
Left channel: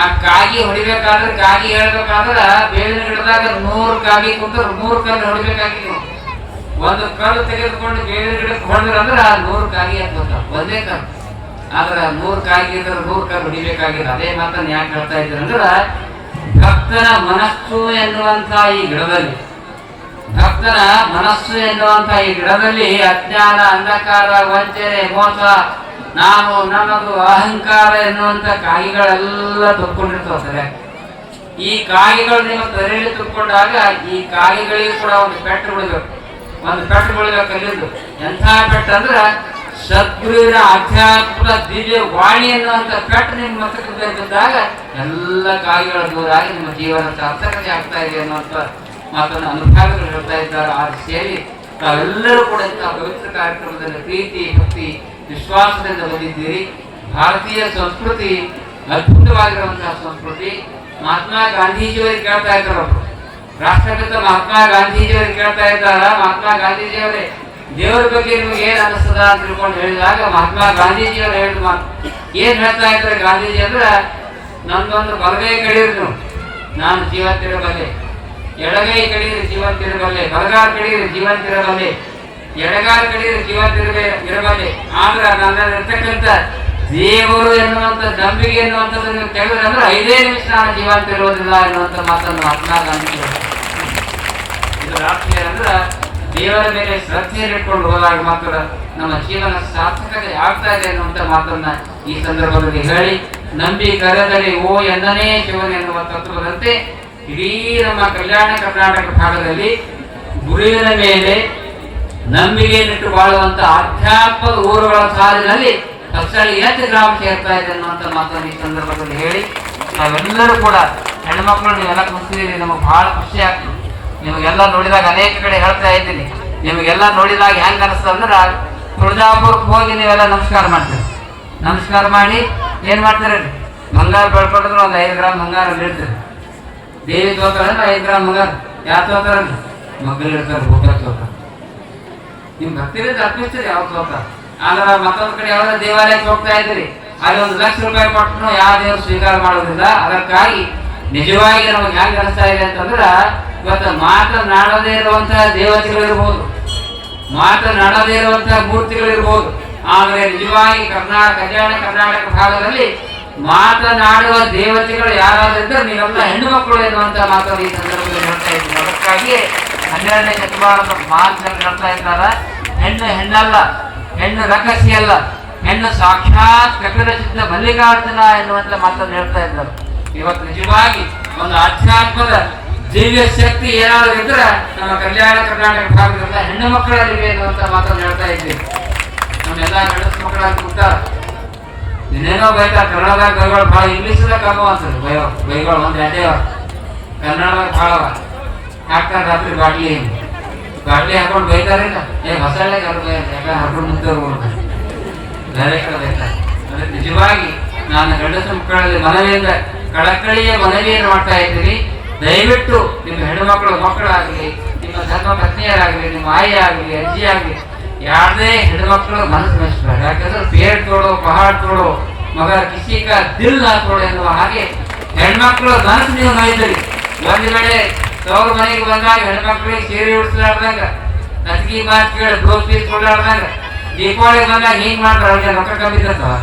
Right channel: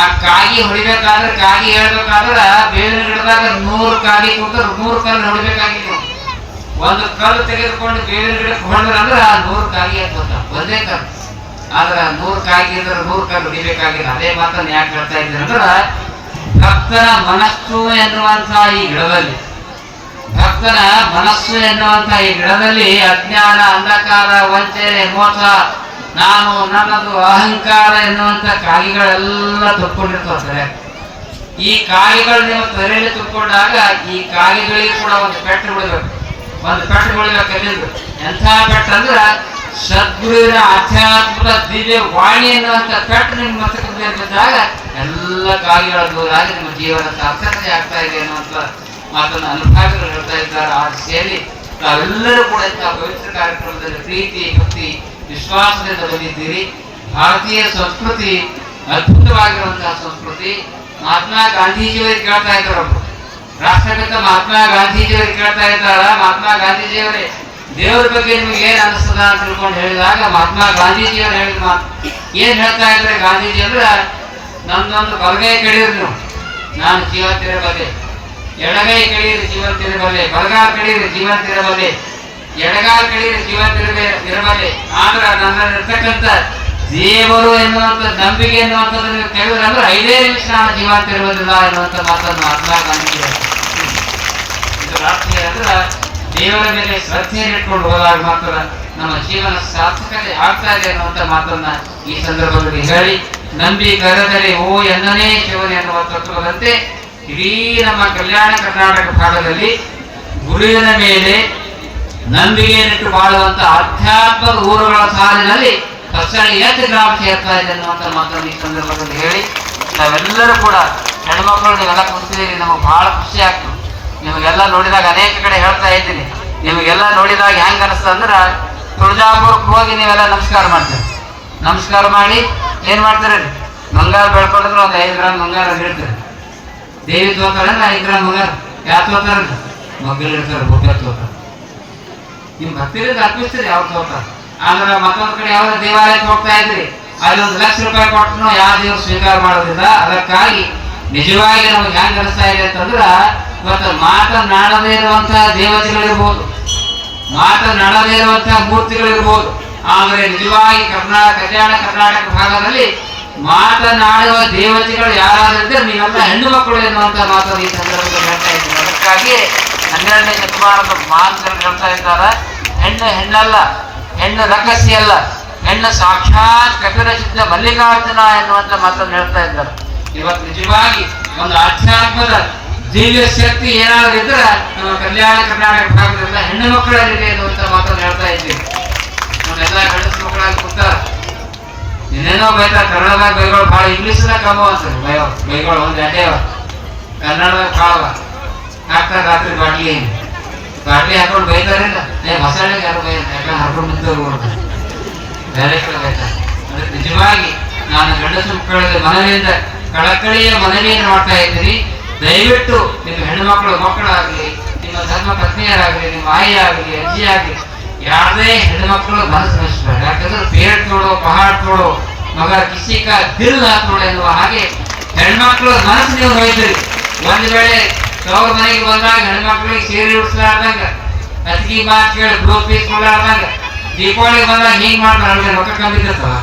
ಆ ಕಾಗಿ ಹೊಡಿಬೇಕಾದ್ರೆ, ಕಾಗಿ ಹೇಳ್ಬೇಕಾದ್ರೆ ಬೇವಿನ ಗಿಡದಾಗ 100 ಕಾಗಿ ಕುಂತ 100 ಕಲ್ಲು ಹೊಡಿಬೇಕಾಗಿ. ನೀವು ಒಂದು ಕಲ್ಲು ತೆಗೆದುಕೊಂಡು ಬೇವಿನ ಗಿಡಕ್ಕೆ ಹೊಡೆದ್ರಂದ್ರೆ 100 ಕಾಗಿ ಹಾಕ್ಬೋದ, ಒಂದೇ ಕಲ್ಲು. ಆದ್ರೆ 100 ಕಾಗಿ ಇದ್ರೆ 100 ಕಲ್ಲು ಹೊಡಿಬೇಕಾಗಿಲ್ಲ. ಅದೇ ಮಾತನ್ನು ಯಾಕೆ ಹೇಳ್ತಾ ಇದ್ದೇನೆ ಅಂದ್ರೆ, ಭಕ್ತನ ಮನಸ್ಸು ಎನ್ನುವಂತಹ ಈ ಗಿಡದಲ್ಲಿ, ಭಕ್ತನ ಮನಸ್ಸು ಎನ್ನುವಂತಹ ಈ ಗಿಡದಲ್ಲಿ ಅಜ್ಞಾನ, ಅಂಧಕಾರ, ವಂಚನೆ, ಮೋಸ, ನಾನು ನನ್ನದು ಅಹಂಕಾರ ಎನ್ನುವಂತ ಕಾಯಿಗಳೆಲ್ಲ ತುಕ್ಕೊಂಡಿರ್ತಾರೆ. ಈ ಕಾಯಿಗಳು ನೀವು ತಲೆಯಲ್ಲಿ ತುಕ್ಕೊಂಡಾಗ ಈ ಕಾಯಿಗಳಿಗೆ ಕೂಡ ಒಂದು ಪೆಟ್ಟು ಬಿಡಬೇಕು. ಒಂದು ಪೆಟ್ಟು ಬಿಡಬೇಕು. ಎಲ್ಲಿಂದು ಎಂಥ ಪೆಟ್ಟು ಅಂದ್ರೆ ಸದ್ಗುರುವಿನ ಆಧ್ಯಾತ್ಮದ ದಿವ್ಯ ವಾಣಿ ಎನ್ನುವಂತ ಪೆಟ್ಟು ನಿಮ್ಮ ಮಸ್ತಕದ ಮೇಲೆ ಬಿದ್ದಾಗ ಎಲ್ಲ ಕಾಯಿಗಳ ದೂರ ಆಗಿ ನಿಮ್ಮ ಜೀವನ ಸಾರ್ಥಕತೆ ಆಗ್ತಾ ಇದೆ ಅನ್ನುವಂಥ ಮಾತನ್ನು ಅನುಭಾವಿಗಳು ಹೇಳ್ತಾ ಇದ್ದಾರೆ. ಆ ಸೇರಿ ತಾವೆಲ್ಲರೂ ಕೂಡ ಇಂತಹ ಪವಿತ್ರ ಕಾರ್ಯಕ್ರಮದಲ್ಲಿ ಪ್ರೀತಿ, ಭಕ್ತಿ, ವಿಶ್ವಾಸದಿಂದ ಬಂದಿದ್ದೀರಿ. ಭಾರತೀಯ ಸಂಸ್ಕೃತಿ ಅದ್ಭುತವಾಗಿರುವಂತಹ ಸಂಸ್ಕೃತಿ. ಮಹಾತ್ಮ ಗಾಂಧೀಜಿಯವರಿಗೆ ಕೇಳ್ತಾ ಇದ್ದಾರೆ, ರಾಷ್ಟ್ರಪಿತ ಮಹಾತ್ಮ ಗಾಂಧೀಜಿಯವರಿಗೆ ಕೇಳ್ತಾ ಇದ್ದಾರ, ಮಹಾತ್ಮ ಗಾಂಧೀಜಿಯವರೇ ದೇವರ ಬಗ್ಗೆ ನಿಮಗೆ ಏನ್ ಅನಿಸ್ತದ ಅಂತ ತಿಳ್ಕೊಂಡು ಹೇಳಿದಾಗ ಮಹಾತ್ಮ ಗಾಂಧೀಜಿಯವರು ಹೇಳಿದ ಮಾತು ಏನ್ ಹೇಳ್ತಾ ಇದ್ರೆ ಗಾಂಧೀಜಿ ಅಂದ್ರ, ನಂದೊಂದು ಬಲಗೈ ಕಡಿದ್ರು ನಾನು ಜೀವಂತಿರಬಲ್ಲೆ, ಎಡಗೈ ಕಡಿದ್ರೆ ಜೀವಂತಿರಬಲ್ಲೆ, ಬಲಗಾಲ ಕಡಿದ್ರೆ ಜೀವಂತಿರಬಲ್ಲೆ, ಎಡಗಾಲ ಕಡಿದ್ರೆ ಜೀವಂತಿರಬಲ್ಲೆ. ಆದ್ರ ನನ್ನಲ್ಲಿರ್ತಕ್ಕಂಥ ದೇವರು ಎನ್ನುವಂತ ನಂಬಿಕೆ ಎನ್ನುವಂಥದ್ದು ನೀವು ತೆಗೆದ್ರೆ ಅಂದ್ರೆ 5 ನಿಮಿಷ ನಾನು ಜೀವಂತಿರುವುದಿಲ್ಲ ಎನ್ನುವಂತ ಮಾತನ್ನು ಮಹಾತ್ಮ ಗಾಂಧೀಜಿ ಇದರ ಅರ್ಥ ಅಂದ್ರೆ ದೇವರ ಮೇಲೆ ಶ್ರದ್ಧೆಯನ್ನು ಇಟ್ಕೊಂಡು ಹೋದಾಗ ಮಾತ್ರ ನಮ್ಮ ಜೀವನ ಸಾರ್ಥಕತೆ ಆಗ್ತಾ ಇದೆ ಅನ್ನುವಂಥ ಮಾತನ್ನ ಈ ಸಂದರ್ಭದಲ್ಲಿ ಹೇಳಿ, ನಂಬಿ ಕರೆದರೆ ಓ ಎಂದನೇ ಶಿವನೇ ಎನ್ನುವ ತತ್ವದಂತೆ ಇಡೀ ನಮ್ಮ ಕಲ್ಯಾಣ ಕರ್ನಾಟಕ ಭಾಗದಲ್ಲಿ ಗುರುವಿನ ಮೇಲೆ ನಂಬಿಕೆಯನ್ನಿಟ್ಟು ಬಾಳುವಂತ ಆಧ್ಯಾತ್ಮದ ಊರುಗಳ ಸಾಲಿನಲ್ಲಿ ಪಕ್ಷಗಳು ಎಷ್ಟು ಗ್ರಾಮ ಸೇರ್ತಾ ಇದೆ ಅನ್ನುವಂಥ ಮಾತನ್ನು ಈ ಸಂದರ್ಭದಲ್ಲಿ ಹೇಳಿ, ನಾವೆಲ್ಲರೂ ಕೂಡ ಹೆಣ್ಮಕ್ಳು ನೀವೆಲ್ಲ ಕೂತಿದ್ದೀರಿ, ನಮಗೆ ಬಹಳ ಖುಷಿ ಆಗ್ತದೆ. ನಿಮಗೆಲ್ಲ ನೋಡಿದಾಗ ಅನೇಕ ಕಡೆ ಹೇಳ್ತಾ ಇದ್ದೀನಿ, ನಿಮಗೆಲ್ಲ ನೋಡಿದಾಗ ಹೆಂಗ ಅನಿಸ್ತದೆ ಅಂದ್ರೆ ತುಳಜಾಪುರಕ್ಕೆ ಹೋಗಿ ನೀವೆಲ್ಲ ನಮಸ್ಕಾರ ಮಾಡ್ತೀರಿ. ನಮಸ್ಕಾರ ಮಾಡಿ ಏನ್ ಮಾಡ್ತೀರಿ, ಬಂಗಾರ ಬೆಳ್ಕೊಂಡ್ರೆ ಒಂದು 5 ಗ್ರಾಮ್ ಬಂಗಾರ ನೀಡ್ತೀರಿ. ದೇವಿ ತೋತಾರೆ 5 ಗ್ರಾಮ್ ಬಂಗಾರ ಯಾರು ತೋತಾರ, ಮಗ್ಗಲ್ ಇರ್ತಾರೆ, ಬೋಕ ತೋತಾರೆ. ನಿಮ್ ಭಕ್ತಿರಿಂದ ಅರ್ಪಿಸ್ತೀರಿ ಅವ್ರು ತೋತಾರೆ. ಆದ್ರೆ ಮತ್ತೊಂದು ಕಡೆ ಯಾವ ದೇವಾಲಯಕ್ಕೆ ಹೋಗ್ತಾ ಇದ್ರಿ, ಅಲ್ಲಿ 1 ಲಕ್ಷ ರೂಪಾಯಿ ಕೊಟ್ಟನು ಯಾವ ದೇವರು ಸ್ವೀಕಾರ ಮಾಡೋದಿಲ್ಲ. ಅದಕ್ಕಾಗಿ ನಿಜವಾಗಿ ನಮ್ಗೆ ಹೆಂಗ್ ಅನಿಸ್ತಾ ಇದೆ ಅಂತಂದ್ರ, ಇವತ್ತು ಮಾತನಾಡದೇ ಇರುವಂತಹ ದೇವತೆಗಳಿರ್ಬೋದು, ಮಾತನಾಡದೇ ಇರುವಂತಹ ಮೂರ್ತಿಗಳಿರ್ಬೋದು, ಆದ್ರೆ ನಿಜವಾಗಿ ಕಲ್ಯಾಣ ಕರ್ನಾಟಕ ಭಾಗದಲ್ಲಿ ಮಾತನಾಡುವ ದೇವತೆಗಳು ಯಾರಾದ್ರೂ ಇದ್ರೆ ನೀವೆಲ್ಲ ಹೆಣ್ಣು ಮಕ್ಕಳು ಎನ್ನುವಂತ ಮಾತನ್ನು ಈ ಸಂದರ್ಭದಲ್ಲಿ ಹೇಳ್ತಾ ಇದ್ದೀವಿ. ಅದಕ್ಕಾಗಿ 12ನೇ ಶತಮಾನದ ಮಾತುಗಳು ಹೇಳ್ತಾ ಇದ್ದಾರೆ, ಹೆಣ್ಣು ಹೆಣ್ಣಲ್ಲ, ಹೆಣ್ಣು ರಹಸ್ಯ ಅಲ್ಲ, ಹೆಣ್ಣು ಸಾಕ್ಷಾತ್ ಕಪಿಲ ಸಿದ್ಧ ಮಲ್ಲಿಕಾರ್ಜುನ ಎನ್ನುವಂತ ಮಾತನ್ನು ಹೇಳ್ತಾ ಇದ್ದಾರೆ. ಇವತ್ತು ನಿಜವಾಗಿ ಒಂದು ಆಧ್ಯಾತ್ಮದ ದಿವ್ಯ ಶಕ್ತಿ ಏನಾದ್ರು ಇದ್ರೆ ನಮ್ಮ ಕಲ್ಯಾಣ ಕರ್ನಾಟಕ ಭಾಗದಿಂದ ಹೆಣ್ಣು ಮಕ್ಕಳಲ್ಲಿದೆ ಎನ್ನುವಂತ ಮಾತನ್ನು ಹೇಳ್ತಾ ಇದ್ದೀವಿ. ನಮ್ಮೆಲ್ಲ ಹೆಣ್ಣು ಮಕ್ಕಳಲ್ಲಿ ಕೂತಾರ, ಇನ್ನೇನೋ ಬೈತಾರ, ಕನ್ನಡದಾಗ ಬೈಗಳು ಭಾಳ, ಇಂಗ್ಲೀಷ್ದಾಗ ಕಮ್ಮಿ ಅಂತಾರೆ ಬೈಗಳು ಒಂದು ಅದೇ, ಕನ್ನಡದಾಗ ಭಾಳ ಹಾಕ್ತಾರೆ. ರಾತ್ರಿ ಬಾಟ್ಲಿ ಹಾಕೊಂಡು ಬೈತಾರಿಲ್ಲ, ಮಸಾಲೆ ಯಾರು ಯಾಕಂದ್ರೆ ಹರ್ಕೊಂಡು ನಿಂತವ್ರು ಬೇರೆ ಕಡೆ ಬೈತಾರೆ. ಅದಕ್ಕೆ ನಿಜವಾಗಿ ನಾನು ಗಂಡಸು ಮಕ್ಕಳಲ್ಲಿ ಮನವಿಯಿಂದ ಕಳಕಳಿಯ ಮನವಿಯನ್ನು ಮಾಡ್ತಾ ಇದ್ದೀನಿ. ದಯವಿಟ್ಟು ನಿಮ್ಮ ಹೆಣ್ಣುಮಕ್ಕಳು ಮಕ್ಕಳಾಗಲಿ, ನಿಮ್ಮ ಧರ್ಮ ಪತ್ನಿಯರಾಗಲಿ, ನಿಮ್ಮ ಆಯಿ ಆಗಲಿ, ಅಜ್ಜಿ ಆಗಲಿ, ಯಾರದೇ ಹೆಣ್ಣುಮಕ್ಕಳು ಮನಸ್ಸು ನಯಿಸ್ಬೇಡ. ಯಾಕಂದ್ರೆ ಪೇಡ್ ತೋಡೋ ಪಹಾಡ್ ತೋಡೋ ಮಗರ ಕಿಸಿಕ ದಿಲ್ ಹಾಕೋಣ ಎನ್ನುವ ಹಾಗೆ ಹೆಣ್ಮಕ್ಳು ಮನಸ್ಸು ನೀವು ನೋಯಿದ್ರಿ. ಒಂದು ವೇಳೆ ತವ್ರ ಮನೆಗೆ ಬಂದಾಗ ಹೆಣ್ಮಕ್ಳಿಗೆ ಸೀರೆ ಉಡಿಸ್ಲಾರ್ದಂಗ, ಅತಿಗೆ ಮಾತು ಕೇಳಿ ಬ್ಲೌಸ್ ಪೀಸ್ ಕೊಡ್ಲಾರ್ದಂಗ, ದೀಪಾವಳಿಗೆ ಬಂದಾಗ ಹಿಂಗ್ ಮಾಡ್ತಾರೆ, ರೊಕ್ಕ ಕಮ್ಮಿರ್ತವ,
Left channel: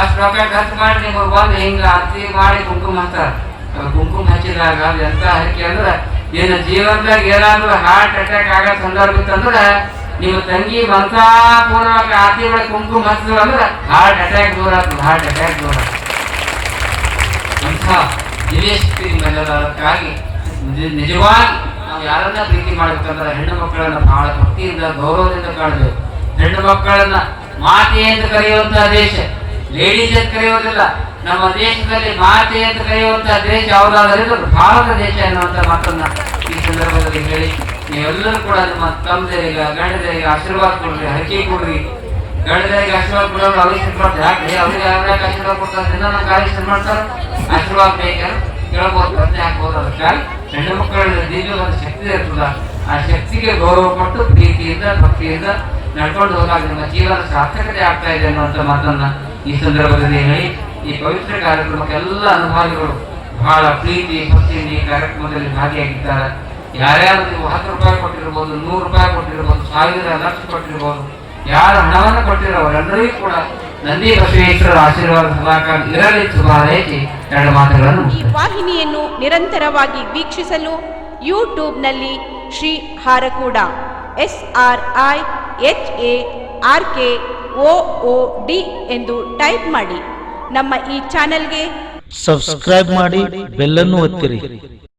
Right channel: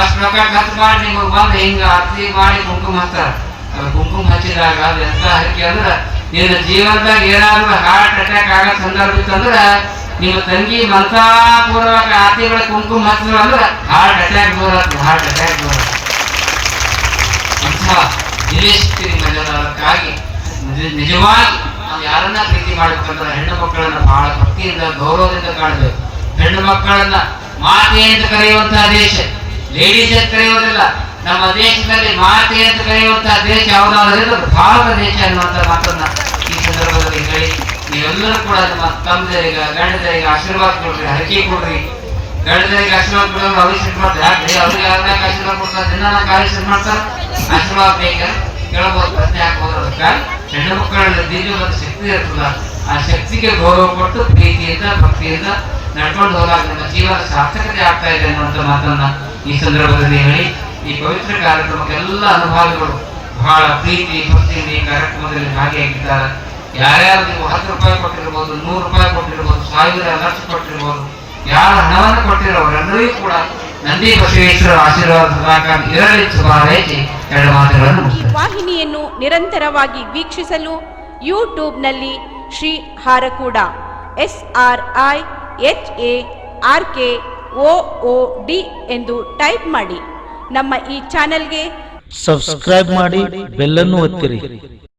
ಅಷ್ಟು ರೊಕ್ಕ ಖರ್ಚು ಮಾಡಿ ನಿಮ್ಗೆ ಬಂದು ಹಿಂಗ ಅರ್ತಿ ಮಾಡಿ ಕುಂಕುಮ ಹಚ್ತಾರ. ಅದು ಕುಂಕುಮ ಹಚ್ಚಿದಾಗ ಅದು ಎಂತ ಹರಕೆ ಅಂದ್ರೆ, ನಿನ್ನ ಜೀವನದಾಗ ಏನಾದ್ರೂ ಹಾರ್ಟ್ ಅಟ್ಯಾಕ್ ಆಗೋ ಸಂದರ್ಭ ಇತ್ತಂದ್ರೆ ನಿಮ್ಮ ತಂಗಿ ಮಂತಾಪೂರ್ವಕ ಆರ್ತಿಗಳ ಕುಂಕುಮ ಹಚ್ಚಿದ್ರು ಅಂದ್ರೆ ಹಾರ್ಟ್ ಅಟ್ಯಾಕ್ ದೂರ ಆಗ್ತದೆ, ಹಾರ್ಟ್ ಅಟ್ಯಾಕ್ ದೂರ. ಅಂಥ ದಿನೇಶಕ್ತಿ ನಿಮ್ಮೆಲ್ಲರ. ಅದಕ್ಕಾಗಿ ನಿಜವಾಗಿ ನಾವು ಯಾರನ್ನ ಪ್ರೀತಿ ಮಾಡ್ಬೇಕಂದ್ರೆ ಹೆಣ್ಣು ಮಕ್ಕಳನ್ನ ಬಹಳ ಭಕ್ತಿಯಿಂದ ಗೌರವದಿಂದ ಕಾಣಬೇಕು. ಹೆಣ್ಣು ಮಕ್ಕಳನ್ನ ಮಾತೆ ಅಂತ ಕರೆಯುವಂತಹ ದೇಶ, ಲೇಡೀಸ್ ಅಂತ ಕರೆಯೋದಿಲ್ಲ. ನಮ್ಮ ದೇಶದಲ್ಲಿ ಮಾತೆ ಅಂತ ಕರೆಯುವಂತಹ ದೇಶ ಯಾವುದಾದ್ರೂ ಭಾರತ ದೇಶ ಅನ್ನುವಂಥ ಮಾತನ್ನ ಈ ಸಂದರ್ಭದಲ್ಲಿ ಹೇಳಿ, ನೀವೆಲ್ಲರೂ ಕೂಡ ನಮ್ಮ ತಮ್ಮದರಿಗೆ ಗಂಡದರಿಗೆ ಆಶೀರ್ವಾದ ಕೊಡ್ರಿ, ಹರಕೆ ಕೊಡ್ರಿ. ಗಂಡದರಿಗೆ ಆಶೀರ್ವಾದ ಕೊಡೋರು ಅವ್ರಿಗೆ ಮಾಡ್ತಾರೆ, ಯಾಕೆ ಅವ್ರಿಗೆ ಯಾವ್ಯಾವ ಆಶೀರ್ವಾದ ಕೊಡ್ತಾರೆ, ನನ್ನ ಕಾರ್ಯ ಮಾಡ್ತಾರೆ, ಆಶೀರ್ವಾದ ಬೇಕಾ ಕೇಳ್ಬೋದು, ಪ್ರಶ್ನೆ ಹಾಕ್ಬೋದು. ಅದಕ್ಕಾಗಿ ಹೆಣ್ಣು ಮಕ್ಕಳಲ್ಲಿ ದಿವ್ಯ ಒಂದು ಶಕ್ತಿ ಇರ್ತದ, ಆ ಶಕ್ತಿಗೆ ಗೌರವ ಕೊಟ್ಟು ಪ್ರೀತಿಯಿಂದ ಭಕ್ತಿಯಿಂದ ನಡ್ಕೊಂಡು ಹೋದಾಗ ನಮ್ಮ ಜೀವನ ಸಾರ್ಥಕತೆ ಆಗ್ತಾ ಇದೆ ಅನ್ನುವಂಥ ಮಾತನ್ನ ಈ ಸಂದರ್ಭದಲ್ಲಿ ಹೇಳಿ, ಈ ಪವಿತ್ರ ಕಾರ್ಯಕ್ರಮಕ್ಕೆ ಎಲ್ಲ ಅನುಭಾವಿಗಳು ಬಹಳ ಪ್ರೀತಿ ಭಕ್ತಿಯಿಂದ ಈ ಕಾರ್ಯಕ್ರಮದಲ್ಲಿ ಭಾಗಿಯಾಗಿದ್ದಾರೆ. ಯಾರ್ಯಾರು ನೀವು 10 ರೂಪಾಯಿ ಕೊಟ್ಟಿರ್ಬೋದು, 100 ರೂಪಾಯಿ ಕೊಟ್ಟಿರ್ಬೋದು, 1000 ಲಕ್ಷ ಕೊಟ್ಟಿರ್ಬೋದು, ಯಾರು ಹಣವನ್ನು ಕೊಟ್ಟಿರೋರೆಲ್ಲರಿಗೂ ಕೂಡ ನಂದಿ ಬಸವೇಶ್ವರ ಆಶೀರ್ವಾದ ಸದಾಕಾಲ ಇರಲಿ ಶುಭಾರೈಸಿ 2 ಮಾತುಗಳನ್ನು. ಈ ವಾಹಿನಿಯನ್ನು ನಿರಂತರವಾಗಿ ವೀಕ್ಷಿಸಲು ಯೂಟ್ಯೂಬ್ನಲ್ಲಿ ಶ್ರೀ ಹಾರಕೂಡ SRIHARK OOD ಎಂದು ಟೈಪ್ ಮಾಡಿ. ನಮ್ಮ ಈ ಚಾನೆಲ್ಗೆ ಸಬ್ಸ್ಕ್ರೈಬ್ ಮಾಡಿ, ಬೆಲ್ ಅನ್ನು ಒತ್ತಿರಿ.